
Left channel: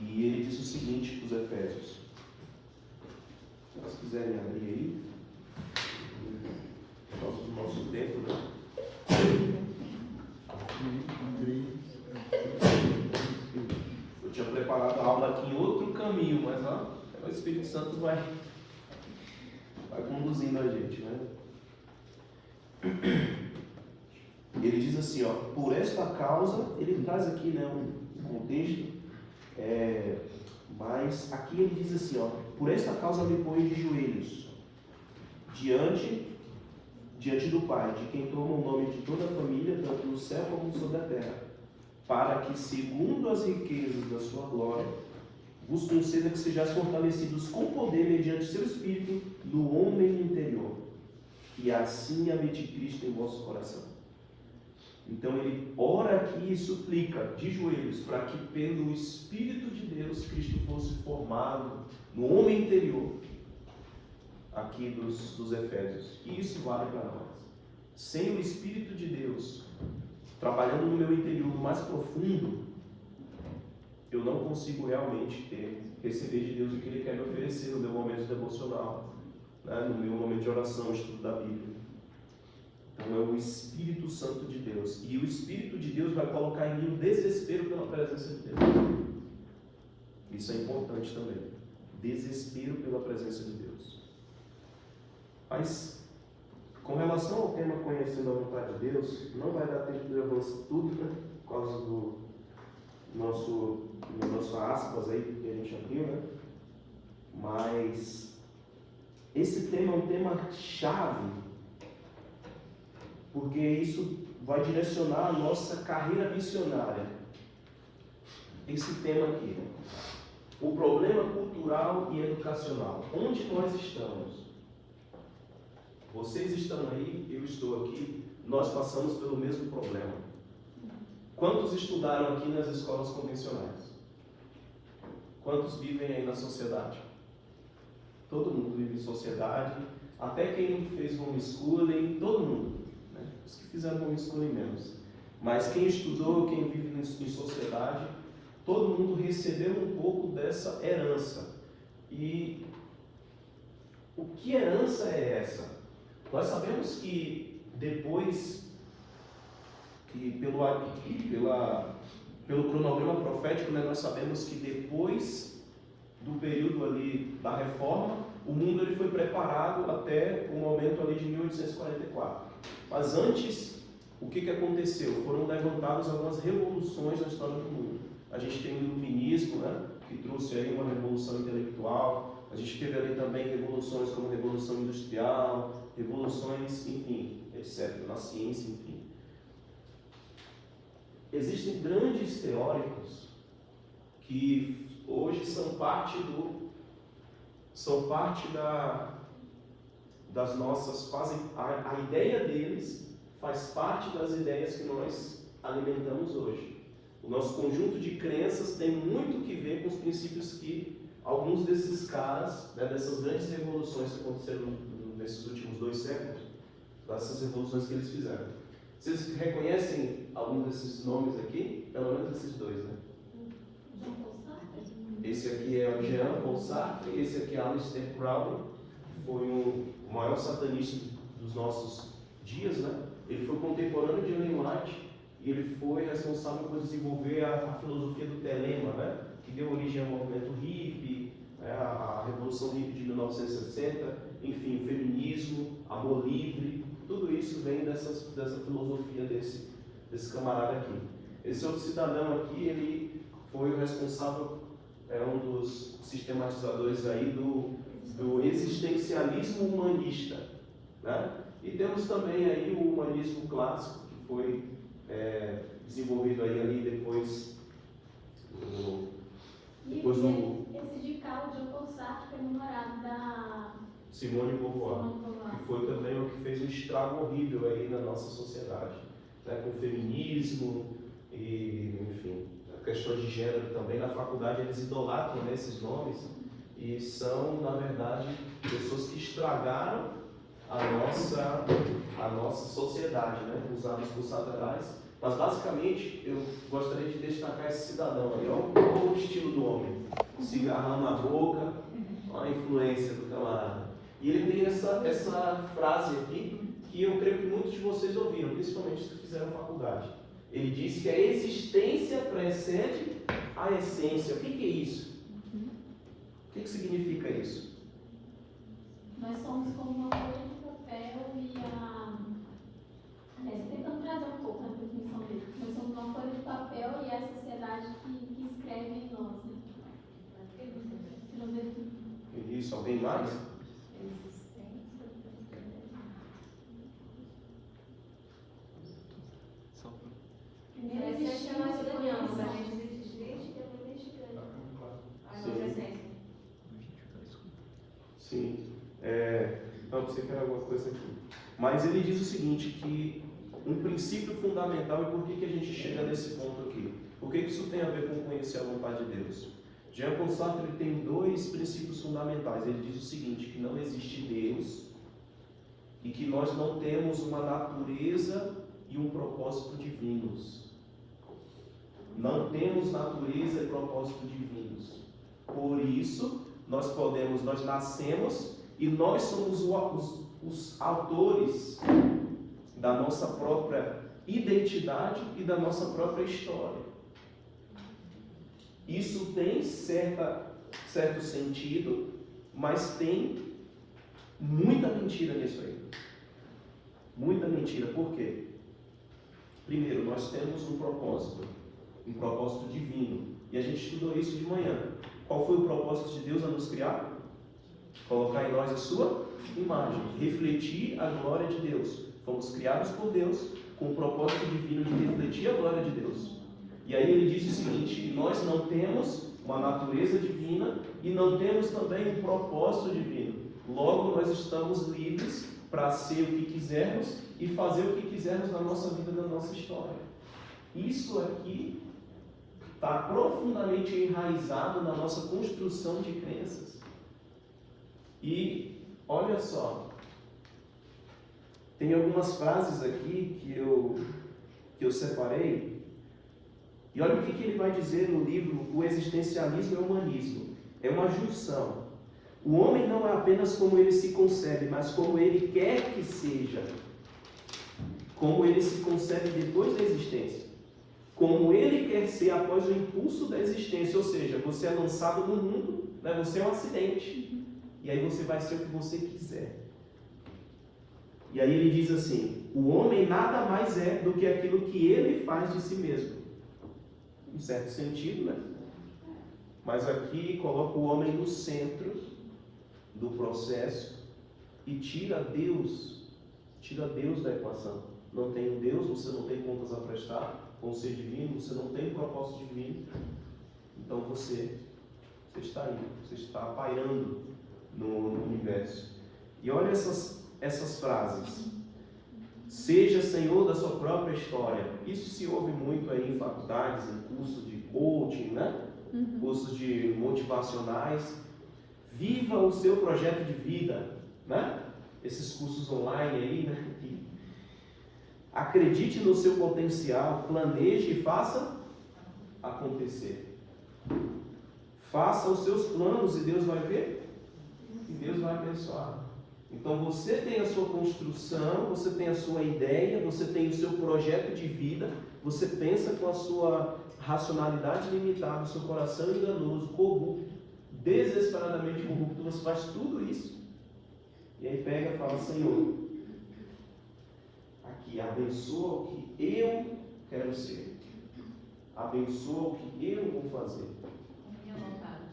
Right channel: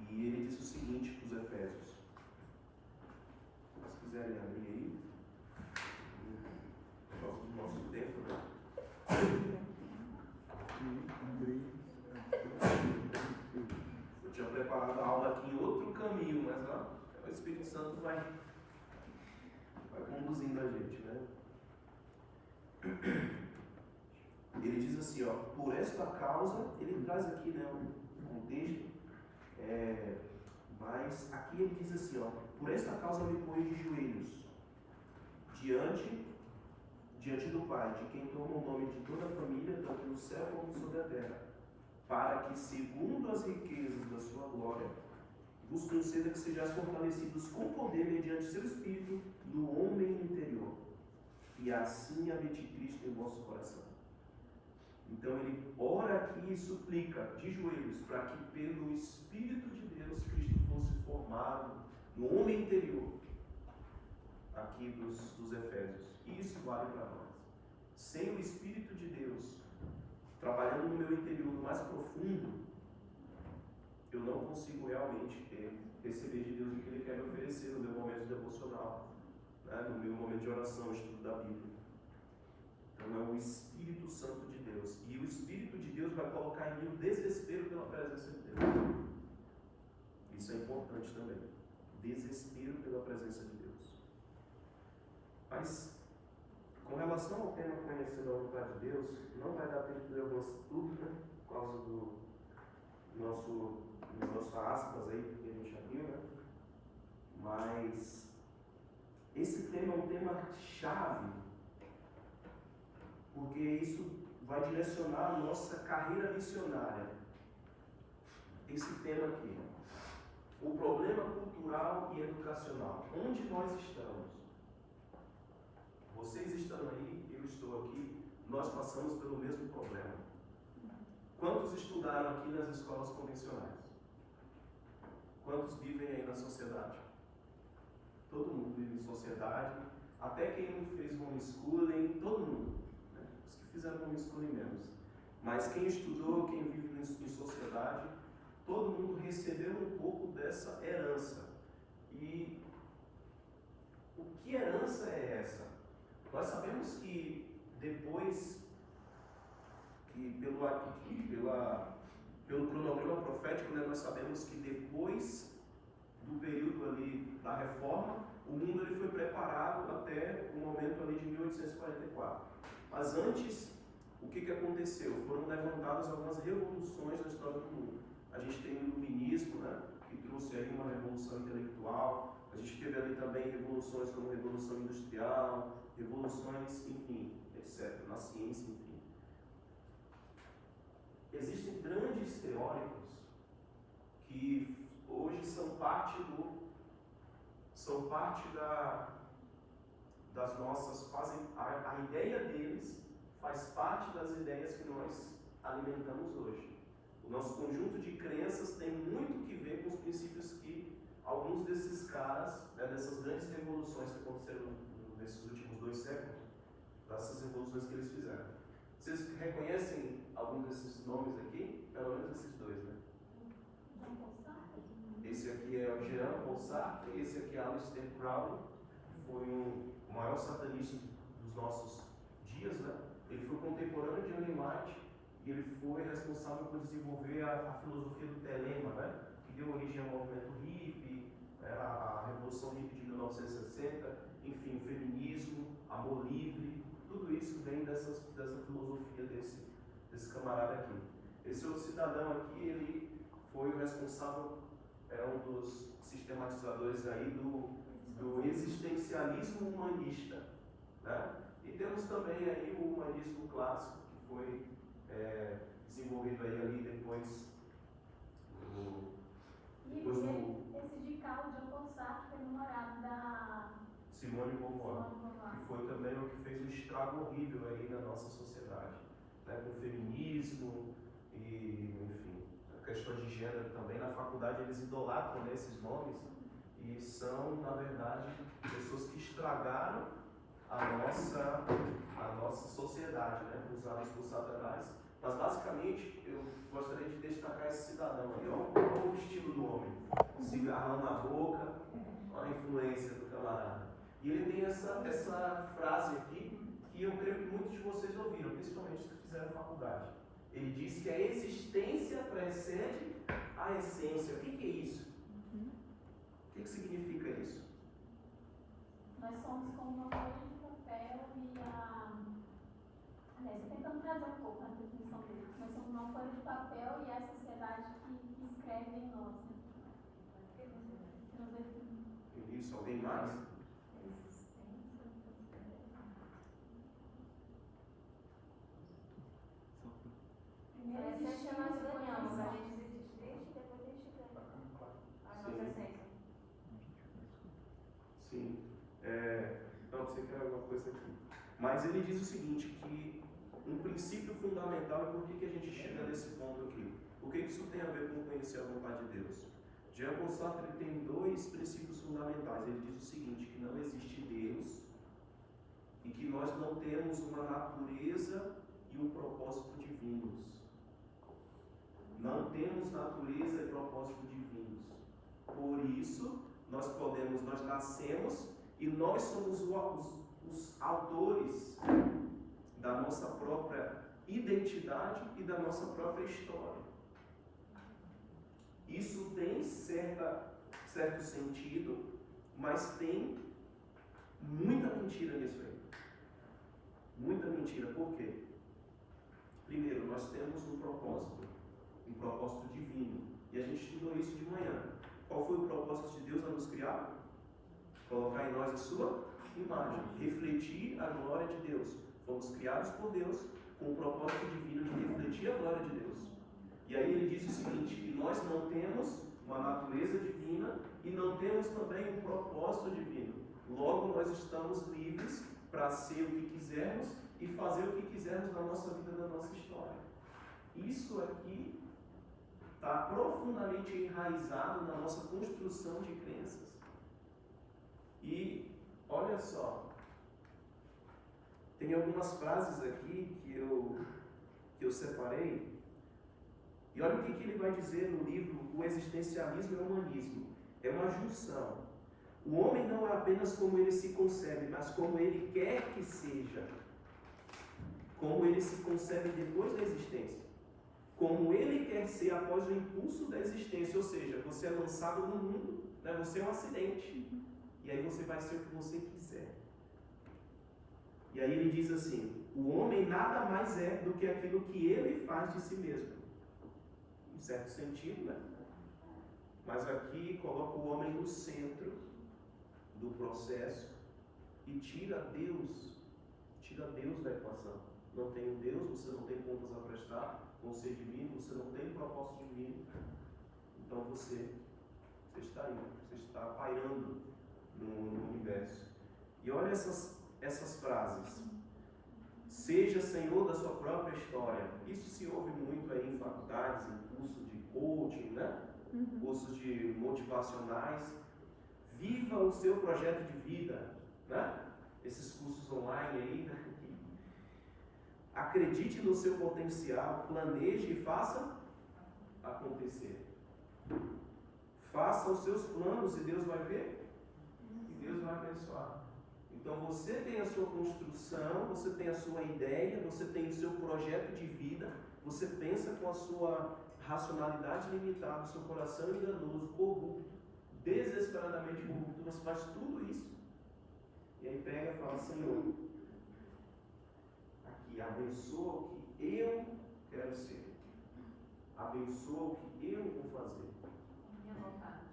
e ele diz o seguinte para os Efésios. Se vocês quiserem abrir aí, nosso tempo, né? Eu tinha preparado a aula aqui em outro caminho, mas ó, o Espírito Santo vai conduzindo a gente, né? Ele diz assim, ó, por esta causa, ele traz aqui, né, um contexto, mas aqui ele diz assim, ó, por esta causa me ponho de joelhos diante do Pai, de quem toma o nome de toda a família, tanto no céu como sobre a terra, para que, segundo as riquezas da sua glória, vos conceda que sejais fortalecidos com poder mediante seu Espírito no homem interior, e assim habite Cristo em vosso coração. Então ele ora aqui e suplica de joelhos para que pelo Espírito de Deus Cristo fosse formado no homem interior aqui dos Efésios. E isso vale para nós. Sem o Espírito de Deus trabalhando no meu interior mais profundo, eu não consigo realmente receber de Deus o que Ele quer me oferecer no meu momento devocional, né? No meu momento de oração, estudo da Bíblia. Então é o Espírito Santo de Deus. E o Espírito de Deus vai colocar em mim o desespero pela presença de Deus. Isso é importante também. Desespero pela presença de Deus. Mas, com relação ao tema conhecendo a vontade de Deus, não vai dar tempo de avançar tudo, né? Por causa do nosso aspas aí que a gente abriu, né? Mas esse tema é um tema chave, porque isso vai direcionar a nossa carreira missionária. Esse tema aqui, o problema cultural e educacional. Onde nós estamos? Vocês estão aí, eu estou aqui, nós passamos pelo mesmo problema. Quantos estudaram aqui nas escolas convencionais? Quantos vivem aí na sociedade? Todo mundo vive em sociedade, até quem não fez homeschooling, todo mundo, né? Os que fizeram homeschooling menos. Mas quem estudou, quem vive em sociedade, todo mundo recebeu um pouco dessa herança. E o que herança é essa? Nós sabemos que depois que pelo cronograma profético, né, nós sabemos que depois do período ali da reforma, o mundo ele foi preparado até o momento ali de 1844. Mas antes, o que aconteceu? Foram levantadas algumas revoluções na história do mundo. A gente tem o iluminismo, né, que trouxe aí uma revolução intelectual. A gente teve ali também revoluções como a Revolução Industrial, revoluções, enfim, etc., na ciência, enfim. Existem grandes teóricos que hoje são parte das nossas, a ideia deles faz parte das ideias que nós alimentamos hoje. O nosso conjunto de crenças tem muito que ver com os princípios que alguns desses caras, né, dessas grandes revoluções que aconteceram nesses últimos 2 séculos, dessas revoluções que eles fizeram. Vocês reconhecem algum desses nomes aqui? Pelo menos esses 2, né? Esse aqui é o Jean Paul Sartre, esse aqui é Aleister Crowley, foi o maior satanista dos nossos dias, né? Ele foi contemporâneo de Ellen White e ele foi responsável por desenvolver a filosofia do telema, né? Que deu origem ao movimento hippie, a Revolução Hippie de 1960, enfim, o feminismo, amor livre, tudo isso vem dessa filosofia desse camarada aqui. Esse outro cidadão aqui, ele foi o responsável, é um dos sistematizadores aí do existencialismo humanista, né? E temos também aí o humanismo clássico, que foi desenvolvido aí ali depois do... Esse de Carl de Paul Sartre, que é namorado da Simone de Beauvoir, que foi também o que fez um estrago horrível aí na nossa sociedade, né? Com o feminismo e, enfim, questões de gênero também. Na faculdade eles idolatram, né, esses nomes e são, na verdade, pessoas que estragaram a nossa sociedade, né? Usados por Satanás. Mas basicamente eu gostaria de destacar esse cidadão aí. Olha o estilo do homem: cigarrão na boca, olha a influência do camarada. E ele tem essa frase aqui que eu creio que muitos de vocês ouviram, principalmente os que fizeram faculdade. Ele diz que a existência precede a essência. O que é isso? O que significa isso? Nós somos como uma folha de papel e tentando trazer um pouco na definição dele. Nós somos uma folha de papel e é a sociedade que escreve em nós, né? Isso, alguém mais? Primeiro existe a nossa conhecemos, a gente existe desde que é desde grande. A nossa essência. Sim. Não, você quer alguma coisa aqui. Mas ele diz o seguinte, que um princípio fundamental e por que a gente chega nesse ponto aqui. Por que isso tem a ver com conhecer a vontade de Deus? Jean-Paul Sartre tem dois princípios fundamentais. Ele diz o seguinte, que não existe Deus e que nós não temos uma natureza e um propósito divinos. Não temos natureza e propósito divinos. Por isso, nós nascemos e nós somos os autores da nossa própria identidade e da nossa própria história. Isso tem certo sentido, mas tem muita mentira nisso aí. Muita mentira. Por quê? Primeiro, nós temos um propósito divino. E a gente estudou isso de manhã. Qual foi o propósito de Deus a nos criar? Colocar em nós a sua imagem, refletir a glória de Deus. Fomos criados por Deus com o propósito divino de refletir a glória de Deus. E aí ele diz o seguinte, que nós não temos uma natureza divina e não temos também um propósito divino. Logo, nós estamos livres para ser o que quisermos e fazer o que quisermos na nossa vida, na nossa história. Isso aqui está profundamente enraizado na nossa construção de crenças. E olha só, tem algumas frases aqui que eu separei. E olha o que ele vai dizer no livro O Existencialismo e o Humanismo. É uma junção. O homem não é apenas como ele se concebe, mas como ele quer que seja. Como ele se concebe depois da existência. Como ele quer ser após o impulso da existência. Ou seja, você é lançado no mundo, né? Você é um acidente. E aí você vai ser o que você quiser. E aí ele diz assim, o homem nada mais é do que aquilo que ele faz de si mesmo. Em certo sentido, né? Mas aqui coloca o homem no centro do processo e tira Deus da equação. Não tem um Deus, você não tem contas a prestar com o ser divino, você não tem propósito divino. Então você está aí, você está pairando no universo. E olha essas frases. Seja senhor da sua própria história. Isso se ouve muito aí em faculdades, em cursos de coaching, né? Cursos de motivacionais. Viva o seu projeto de vida, né? Esses cursos online aí, né? Acredite no seu potencial, planeje e faça acontecer. Faça os seus planos e Deus vai ver. E Deus vai abençoar. Então você tem a sua construção, você tem a sua ideia, você tem o seu projeto de vida, você pensa com a sua racionalidade limitada, o seu coração enganoso, corrupto, desesperadamente corrupto, você faz tudo isso. E aí pega e fala, Senhor, aqui, abençoa o que eu quero ser. Abençoa o que eu vou fazer.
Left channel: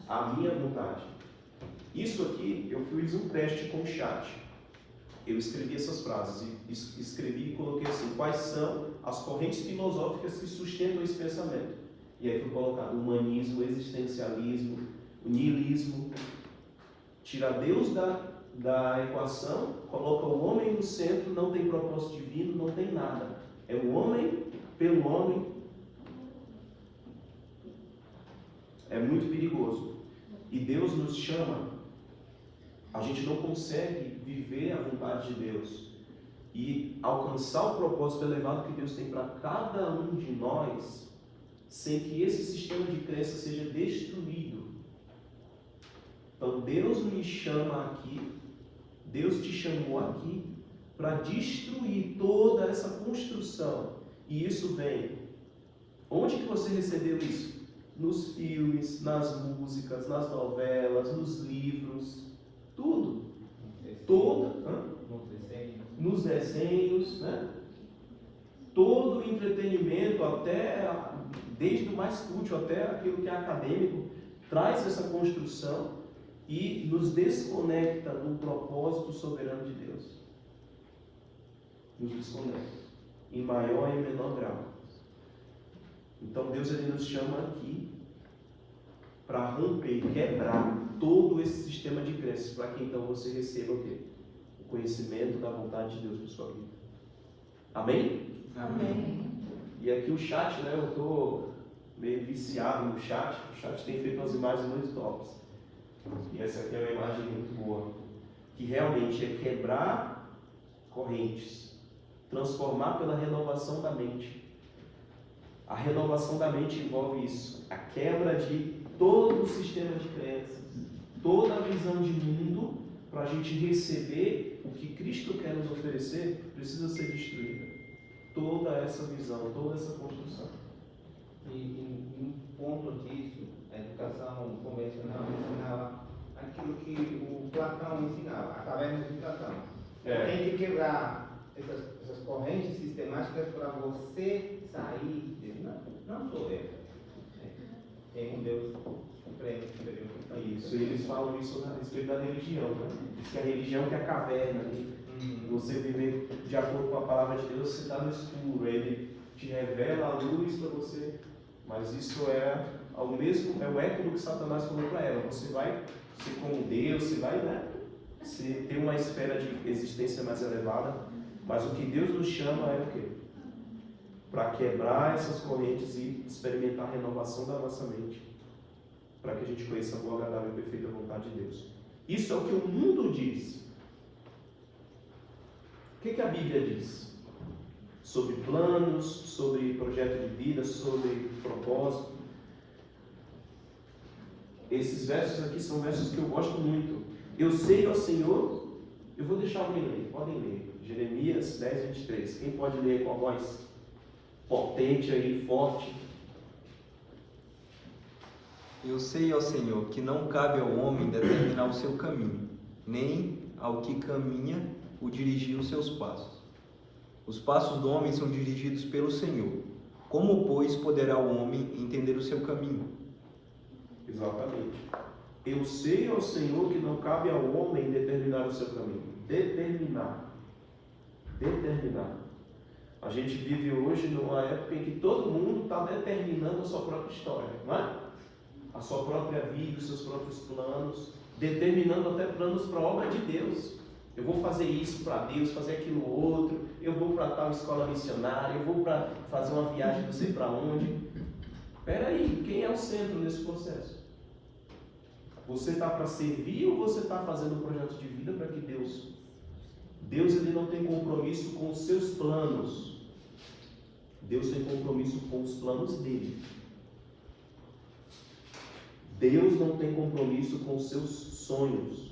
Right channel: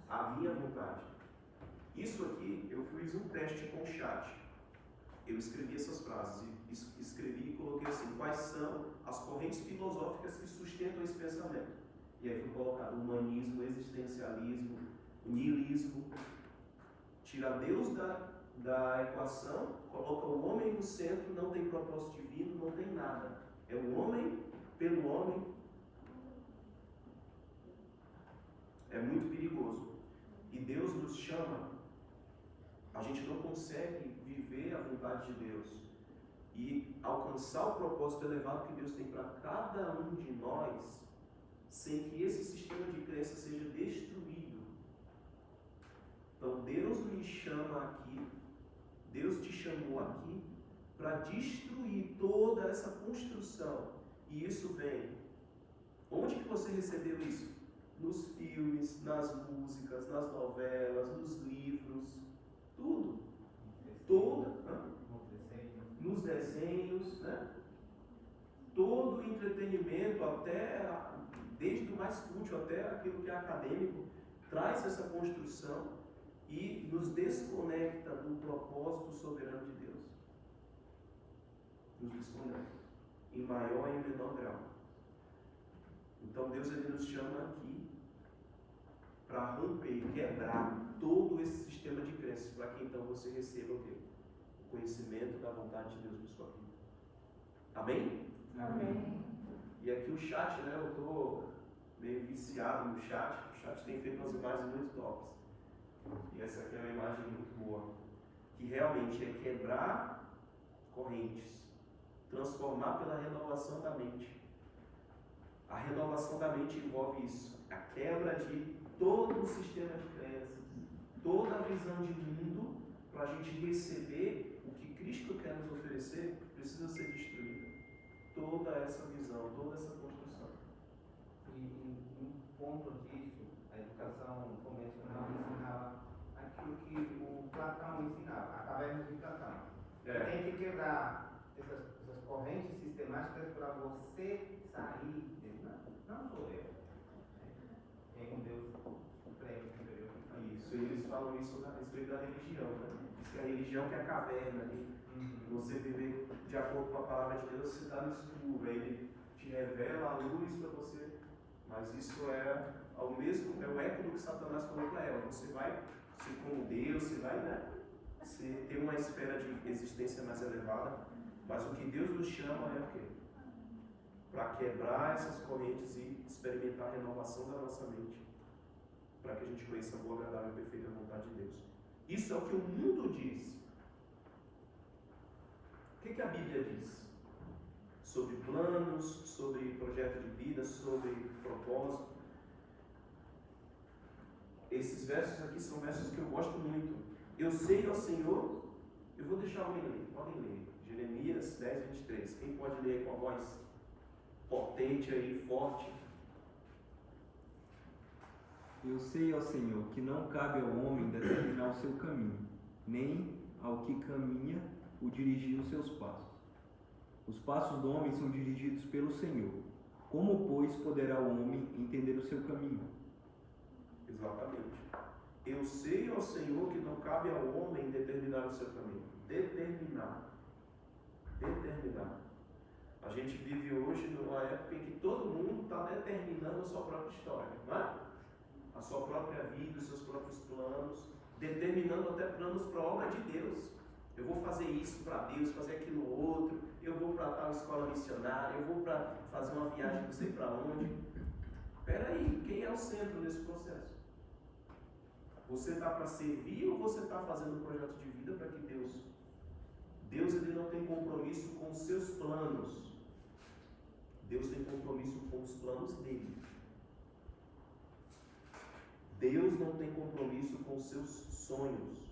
A minha vontade. Isso aqui, eu fiz um teste com o chat. Eu escrevi essas frases, escrevi e coloquei assim, quais são as correntes filosóficas que sustentam esse pensamento. E aí foi colocado o humanismo, o existencialismo, o niilismo. Tira Deus da equação, coloca o homem no centro, não tem propósito divino, não tem nada. É o homem pelo homem. É muito perigoso. E Deus nos chama. A gente não consegue viver a vontade de Deus e alcançar o propósito elevado que Deus tem para cada um de nós sem que esse sistema de crença seja destruído. Então Deus me chama aqui, Deus te chamou aqui para destruir toda essa construção. E isso vem. Onde que você recebeu isso? Nos filmes, nas músicas, nas novelas, nos livros. Tudo. Nos desenhos, né? Todo o entretenimento, até desde o mais fútil até aquilo que é acadêmico, traz essa construção e nos desconecta do propósito soberano de Deus. Nos desconecta, em maior e menor grau. Então Deus ele nos chama aqui para romper, quebrar todo esse sistema de crenças, para que então você receba o quê? O conhecimento da vontade de Deus para sua vida. Amém? Amém. E aqui o chat, né? Eu estou meio viciado no chat. O chat tem feito umas imagens muito tops. E essa aqui é uma imagem muito boa. Que realmente é quebrar correntes. Transformar pela renovação da mente. A renovação da mente envolve isso. A quebra de todo o sistema de crenças. Toda a visão de mundo, para a gente receber o que Cristo quer nos oferecer, precisa ser destruída. Toda essa visão, toda essa construção. E um ponto disso, a educação convencional ensinava aquilo que o Platão ensinava, a caverna de Platão. Tem que quebrar essas correntes sistemáticas para você sair. Não sou eu. Tem um Deus supremo, superior. Isso, eles falam isso a respeito da religião, né? Diz que a religião que é a caverna, ali. Você viver de acordo com a palavra de Deus, você está no escuro, ele te revela a luz para você, mas isso é o eco do que Satanás falou para ela. Você vai ser como Deus, você vai, né? Você ter uma esfera de existência mais elevada, mas o que Deus nos chama é o quê? Para quebrar essas correntes e experimentar a renovação da nossa mente, para que a gente conheça a boa, agradável e perfeita vontade de Deus. Isso é o que o mundo diz. O que a Bíblia diz? Sobre planos, sobre projeto de vida, sobre propósito. Esses versos aqui são versos que eu gosto muito. Eu sei, ó Senhor, eu vou deixar alguém ler, podem ler. Jeremias 10, 23. Quem pode ler com a voz potente aí, forte? Eu sei, ó Senhor, que não cabe ao homem determinar o seu caminho, nem ao que caminha o dirigir os seus passos. Os passos do homem são dirigidos pelo Senhor. Como, pois, poderá o homem entender o seu caminho? Exatamente. Eu sei, ó Senhor, que não cabe ao homem determinar o seu caminho. Determinar. A gente vive hoje numa época em que todo mundo está determinando a sua própria história, não é? A sua própria vida, os seus próprios planos, determinando até planos para a obra de Deus. Eu vou fazer isso para Deus, fazer aquilo outro, eu vou para tal escola missionária, eu vou para fazer uma viagem não sei para onde. Espera aí, quem é o centro nesse processo? Você está para servir ou você está fazendo um projeto de vida para que Deus ele não tem compromisso com os seus planos. Deus tem compromisso com os planos dele. Deus não tem compromisso com os seus sonhos.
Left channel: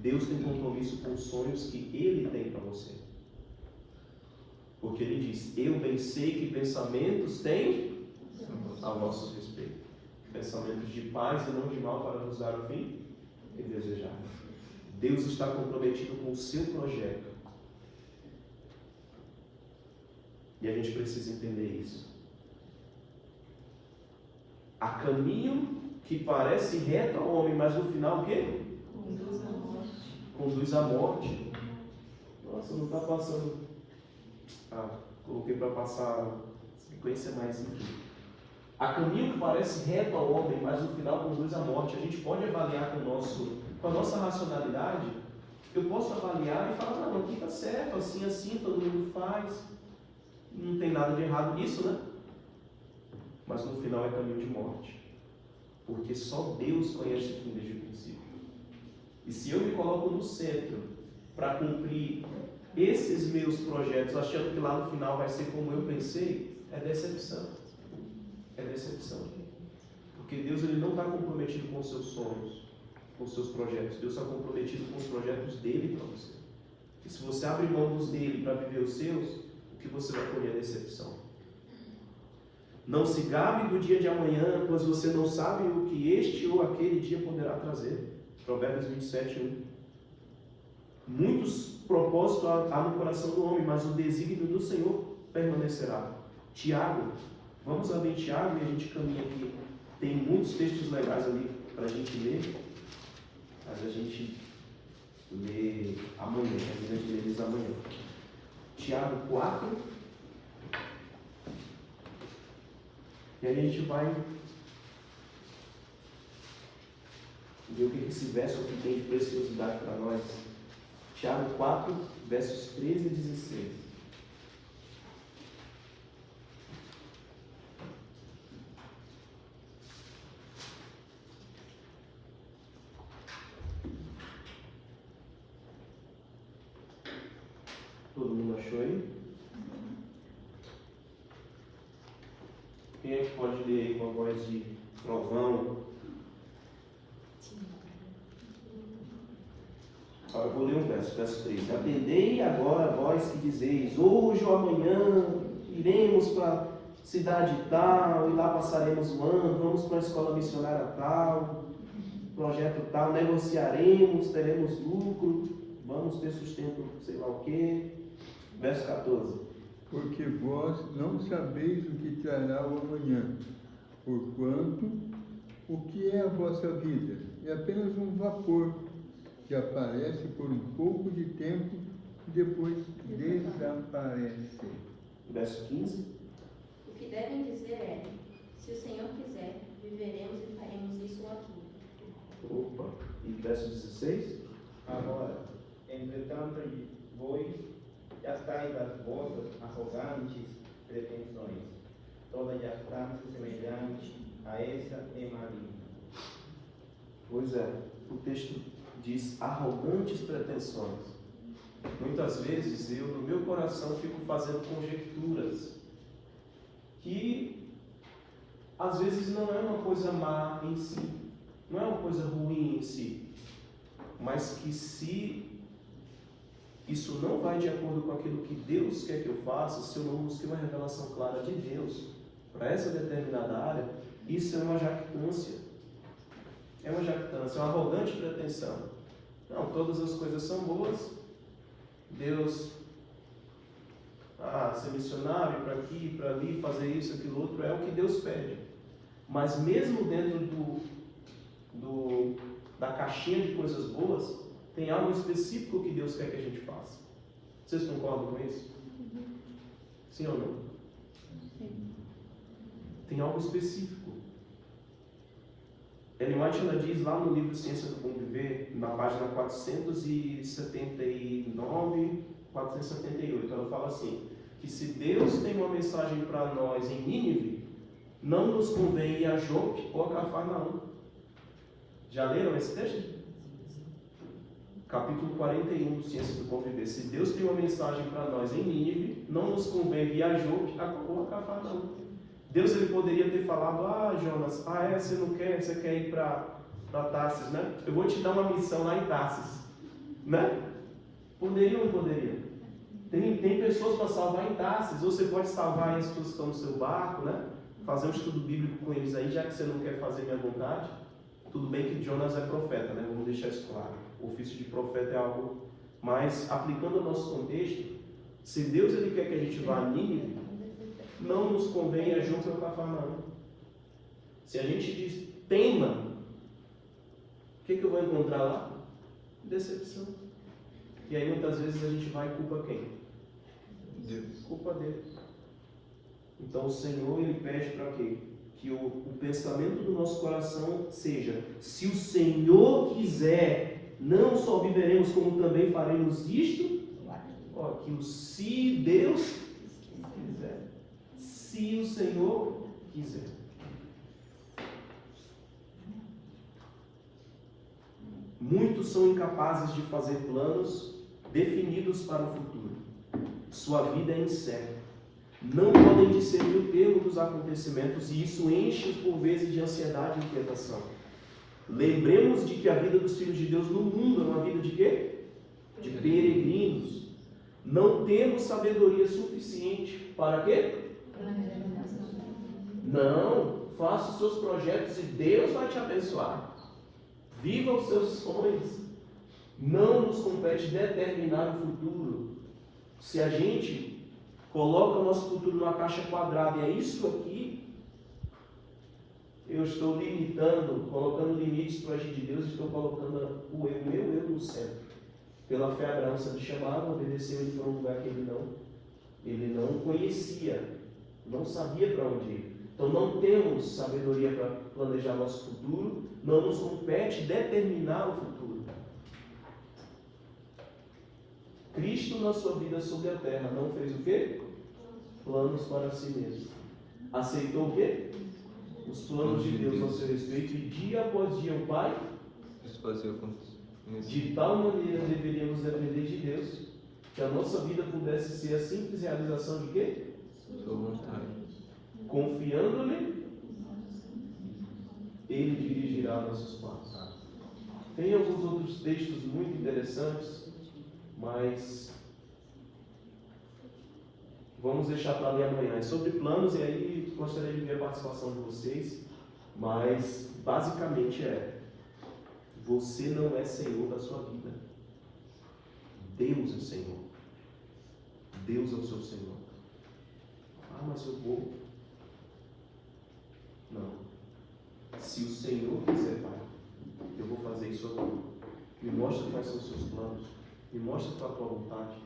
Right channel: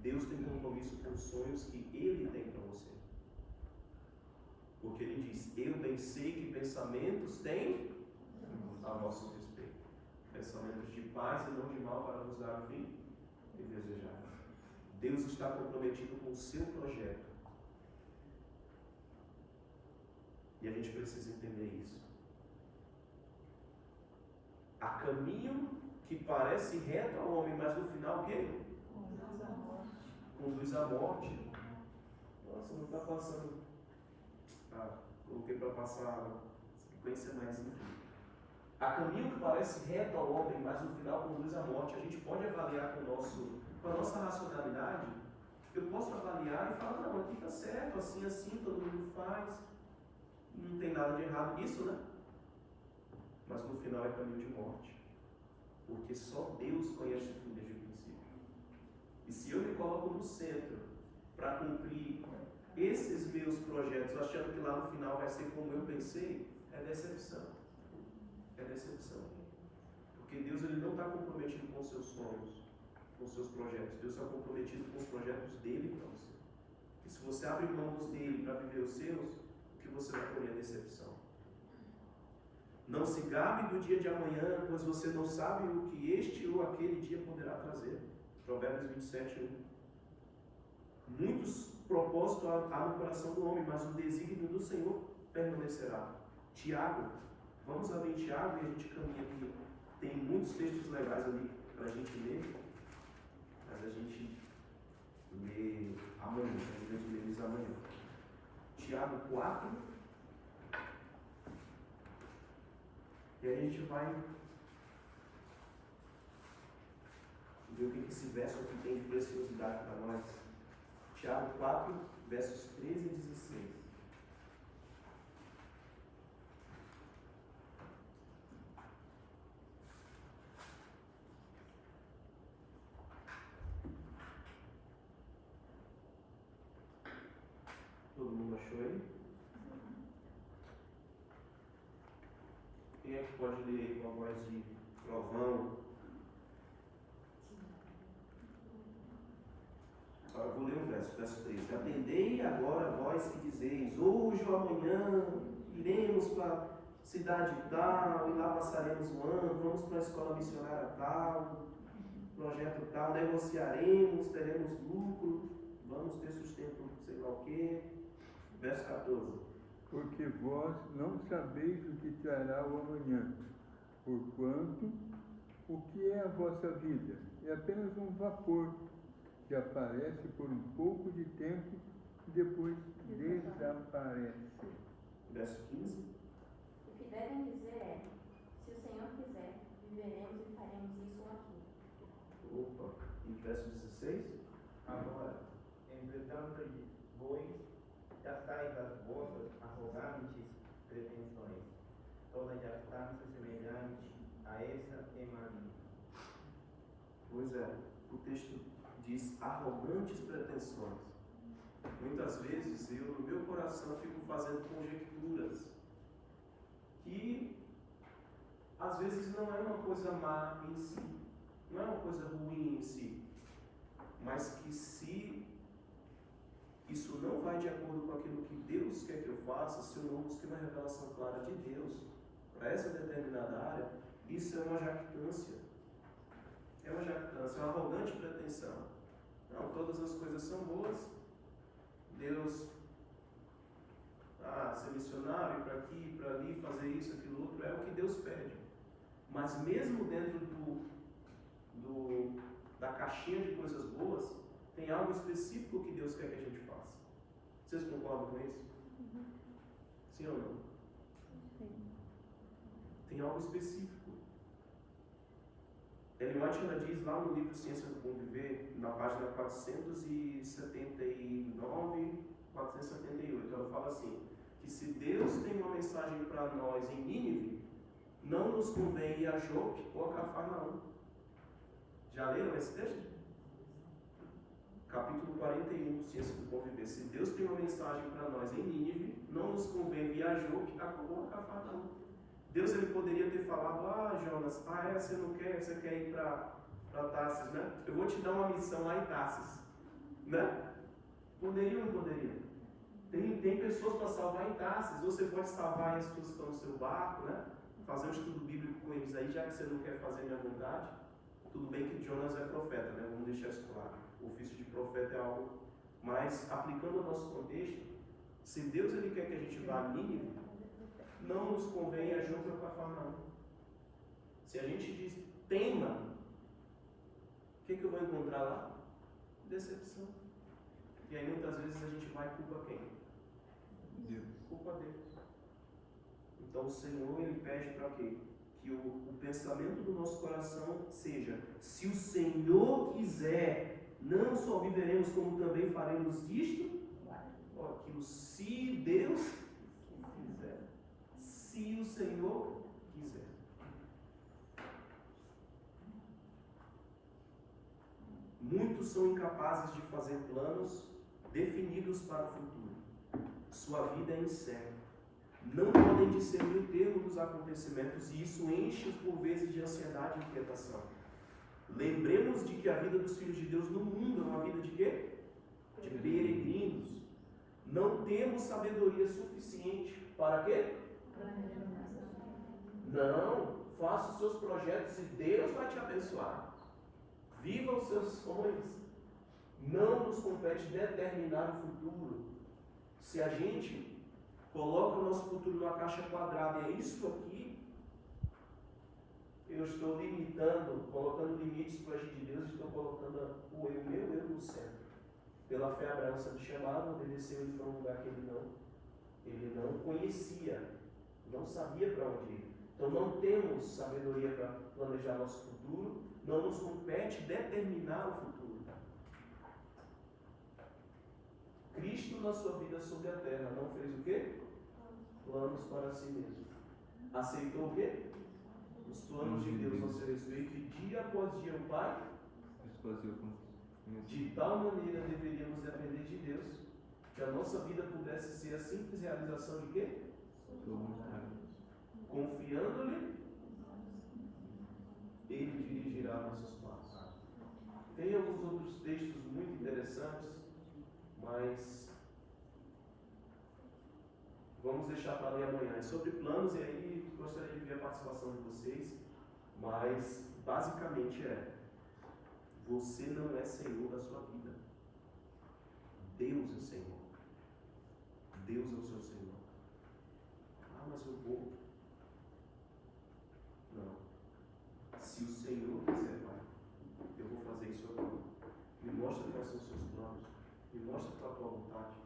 Deus tem compromisso com os sonhos que Ele tem para você. Porque Ele diz, eu bem sei que pensamentos têm a vosso respeito. Pensamentos de paz e não de mal para vos dar o fim e desejar. Deus está comprometido com o seu projeto. E a gente precisa entender isso. Há caminho que parece reto ao homem, mas no final o quê? Conduz à morte. Nossa, não está passando. Coloquei para passar a sequência mais enfim. Há caminho que parece reto ao homem, mas no final conduz à morte. A gente pode avaliar com a nossa racionalidade. Eu posso avaliar e falar, não, aqui está certo, assim, todo mundo faz. Não tem nada de errado nisso, né? Mas no final é caminho de morte. Porque só Deus conhece o fim desde o princípio. E se eu me coloco no centro para cumprir esses meus projetos, achando que lá no final vai ser como eu pensei, é decepção. É decepção. Porque Deus ele não está comprometido com os seus sonhos, com os seus projetos. Deus está comprometido com os projetos dele para você. E se você abre mão dos dele para viver os seus, o que você vai colher é decepção. Não se gabe do dia de amanhã, pois você não sabe o que este ou aquele dia poderá trazer. Provérbios 27, 1. Muitos propósitos há no coração do homem, mas o desígnio do Senhor permanecerá. Tiago, vamos abrir Tiago e a gente caminha aqui. Tem muitos textos legais ali para a gente ler, mas a gente lê amanhã, a gente lê eles amanhã. Tiago 4. E aí a gente vai ver o que esse verso aqui tem de preciosidade para nós. Tiago 4, versos 13 e 16. Todo mundo achou aí? Quem é que pode ler aí com a voz de trovão? Eu vou ler um verso 3. Atendei agora vós que dizeis, hoje ou amanhã iremos para a cidade tal, e lá passaremos o ano, vamos para a escola missionária tal, projeto tal, negociaremos, teremos lucro, vamos ter sustento, sei lá o quê. Verso 14. Porque vós não sabeis o que trará o amanhã, porquanto o que é a vossa vida? É apenas um vapor que aparece por um pouco de tempo e depois desaparece. Verso 15. O que devem dizer é, se o Senhor quiser, viveremos e faremos isso ou aquilo. Opa. E verso 16. Agora, entretanto, vós já estáis das vossas arrogantes pretensões. Toda jactância semelhante a essa é maligna. Pois é, o texto diz arrogantes pretensões. Muitas vezes eu, no meu coração, fico fazendo conjecturas que às vezes não é uma coisa má em si, não é uma coisa ruim em si, mas que se isso não vai de acordo com aquilo que Deus quer que eu faça, se eu não busquei uma revelação clara de Deus para essa determinada área, isso é uma jactância. É uma jactância, é uma arrogante pretensão. Não, todas as coisas são boas. Deus, ser missionário, para aqui, para ali, fazer isso, aquilo outro, é o que Deus pede. Mas mesmo dentro da caixinha de coisas boas, tem algo específico que Deus quer que a gente faça. Vocês concordam com isso? Sim ou não? Tem algo específico. Ellen White, ela diz lá no livro Ciência do Bom Viver, na página 479, 478, ela fala assim, que se Deus tem uma mensagem para nós em Nínive, não nos convém ir a Jope ou a Cafarnaum. Já leram esse texto? Capítulo 41 do Ciência do Bom Viver. Se Deus tem uma mensagem para nós em Nínive, não nos convém ir a Jope ou a Cafarnaum. Deus ele poderia ter falado, Jonas, você não quer, você quer ir para Tarsis, né? Eu vou te dar uma missão lá em Tarsis, né? Poderia ou não poderia? Tem pessoas para salvar em Tarsis, ou você pode salvar as pessoas que estão no seu barco, né? Fazer um estudo bíblico com eles aí, já que você não quer fazer minha vontade. Tudo bem que Jonas é profeta, né? Vamos deixar isso claro. O ofício de profeta é algo, mas aplicando ao nosso contexto, se Deus ele quer que a gente vá a Nínive, não nos convém a Jope ou Cafarnaum. Se a gente diz teima, o que eu vou encontrar lá? Decepção. E aí muitas vezes a gente vai e culpa quem? Deus. Culpa Deus. Então o Senhor ele pede para quê? Que o pensamento do nosso coração seja, se o Senhor quiser, não só viveremos, como também faremos isto. Que o se Deus quiser. Se o Senhor quiser. Muitos são incapazes de fazer planos definidos para o futuro. Sua vida é incerta. Não podem discernir o termo dos acontecimentos e isso enche por vezes de ansiedade e inquietação. Lembremos de que a vida dos filhos de Deus no mundo é uma vida de quê? De peregrinos. Não temos sabedoria suficiente para quê? Não, faça os seus projetos e Deus vai te abençoar. Viva os seus sonhos. Não nos compete determinar o futuro. Se a gente coloca o nosso futuro numa caixa quadrada e é isso aqui, eu estou limitando, colocando limites para o agir de Deus, estou colocando o meu eu no centro. Pela fé Abraão sendo chamado, obedeceu ele para um lugar que ele não conhecia, não sabia para onde ir. Então não temos sabedoria para planejar nosso futuro, não nos compete determinar o futuro. Cristo na sua vida sobre a terra não fez o quê? Planos para si mesmo. Aceitou o quê? Os planos de Deus ao seu respeito e dia após dia o Pai, de tal maneira deveríamos depender de Deus, Que a nossa vida pudesse ser a simples realização de quê? Sua vontade. Confiando-lhe, Ele dirigirá nossos passos. Tem alguns outros textos muito interessantes, mas vamos deixar para ler amanhã. É sobre planos e aí gostaria de ver a participação de vocês, mas basicamente você não é Senhor da sua vida. Deus é Senhor. Deus é o seu Senhor. Ah, mas eu vou. Não. Se o Senhor quiser, Pai, eu vou fazer isso aqui. Me mostra quais são os seus planos. Me mostra qual é a tua vontade.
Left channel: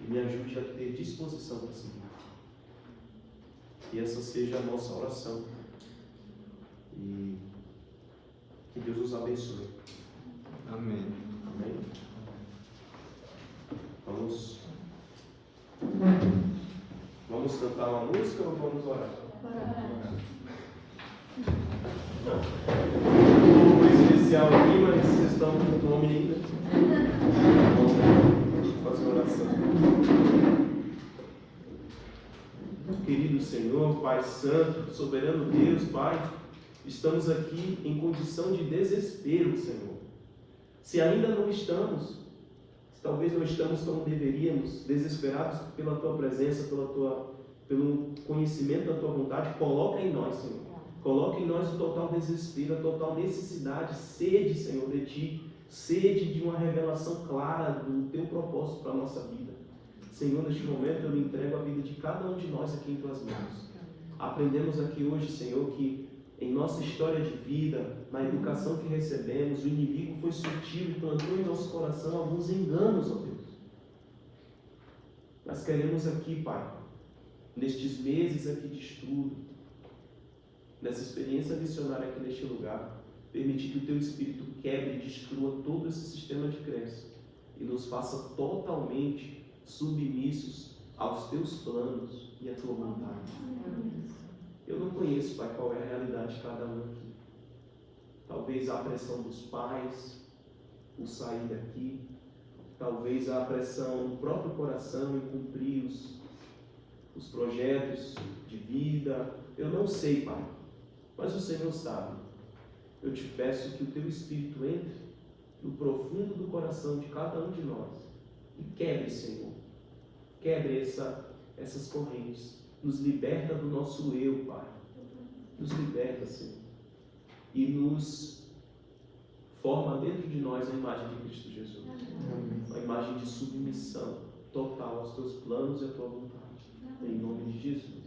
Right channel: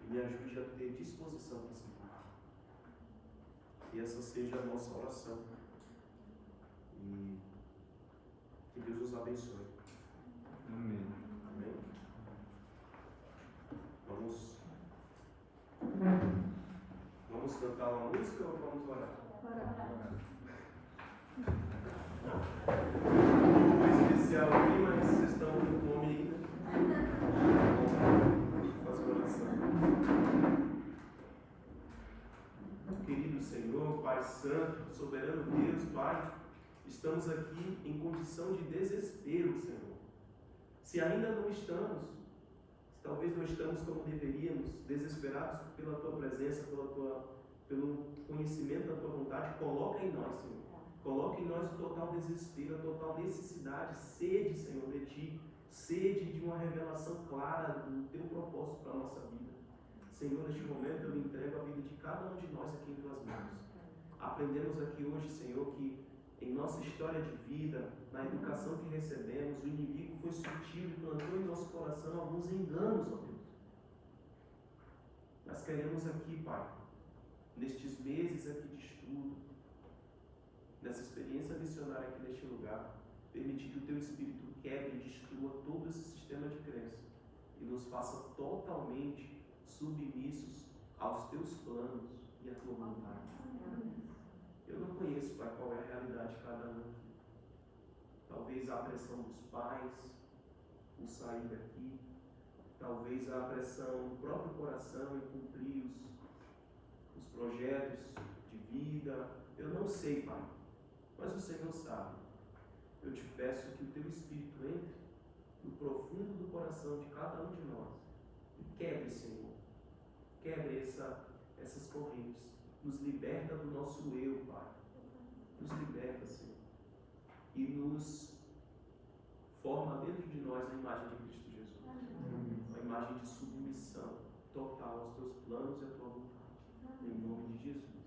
E me ajude a ter disposição para seguir. Que essa seja a nossa oração. E que Deus nos abençoe. Amém. Amém? Vamos cantar uma música ou vamos orar? Um especial aqui, mas vocês estão com fome ainda. Vamos fazer uma oração. Querido Senhor, Pai Santo, soberano Deus, Pai, estamos aqui em condição de desespero, Senhor. Se ainda não estamos, talvez não estamos como deveríamos, desesperados pela Tua presença, pelo conhecimento da Tua vontade, coloca em nós, Senhor. Coloca em nós o total desespero, a total necessidade, sede, Senhor, de Ti, sede de uma revelação clara do Teu propósito para a nossa vida. Senhor, neste momento eu lhe entrego a vida de cada um de nós aqui em Tuas mãos. Aprendemos aqui hoje, Senhor, que em nossa história de vida, na educação que recebemos, o inimigo foi sutil e plantou em nosso coração alguns enganos, ó Deus. Nós queremos aqui, Pai, nestes meses aqui de estudo, nessa experiência missionária aqui neste lugar, permitir que o Teu Espírito quebre e destrua todo esse sistema de crença e nos faça totalmente submissos aos Teus planos e à Tua vontade. Eu não conheço, Pai, qual é a realidade de cada um aqui. Talvez a pressão dos pais, o sair daqui, talvez a pressão do próprio coração em cumprir os projetos de vida. Eu não sei, Pai, mas o Senhor sabe. Eu te peço que o Teu Espírito entre no profundo do coração de cada um de nós e quebre, Senhor, quebre essas correntes. Nos liberta do nosso eu, Pai. Nos liberta, Senhor. E nos forma dentro de nós a imagem de Cristo Jesus. Uma imagem de submissão total aos Teus planos e à Tua vontade. Em nome de Jesus.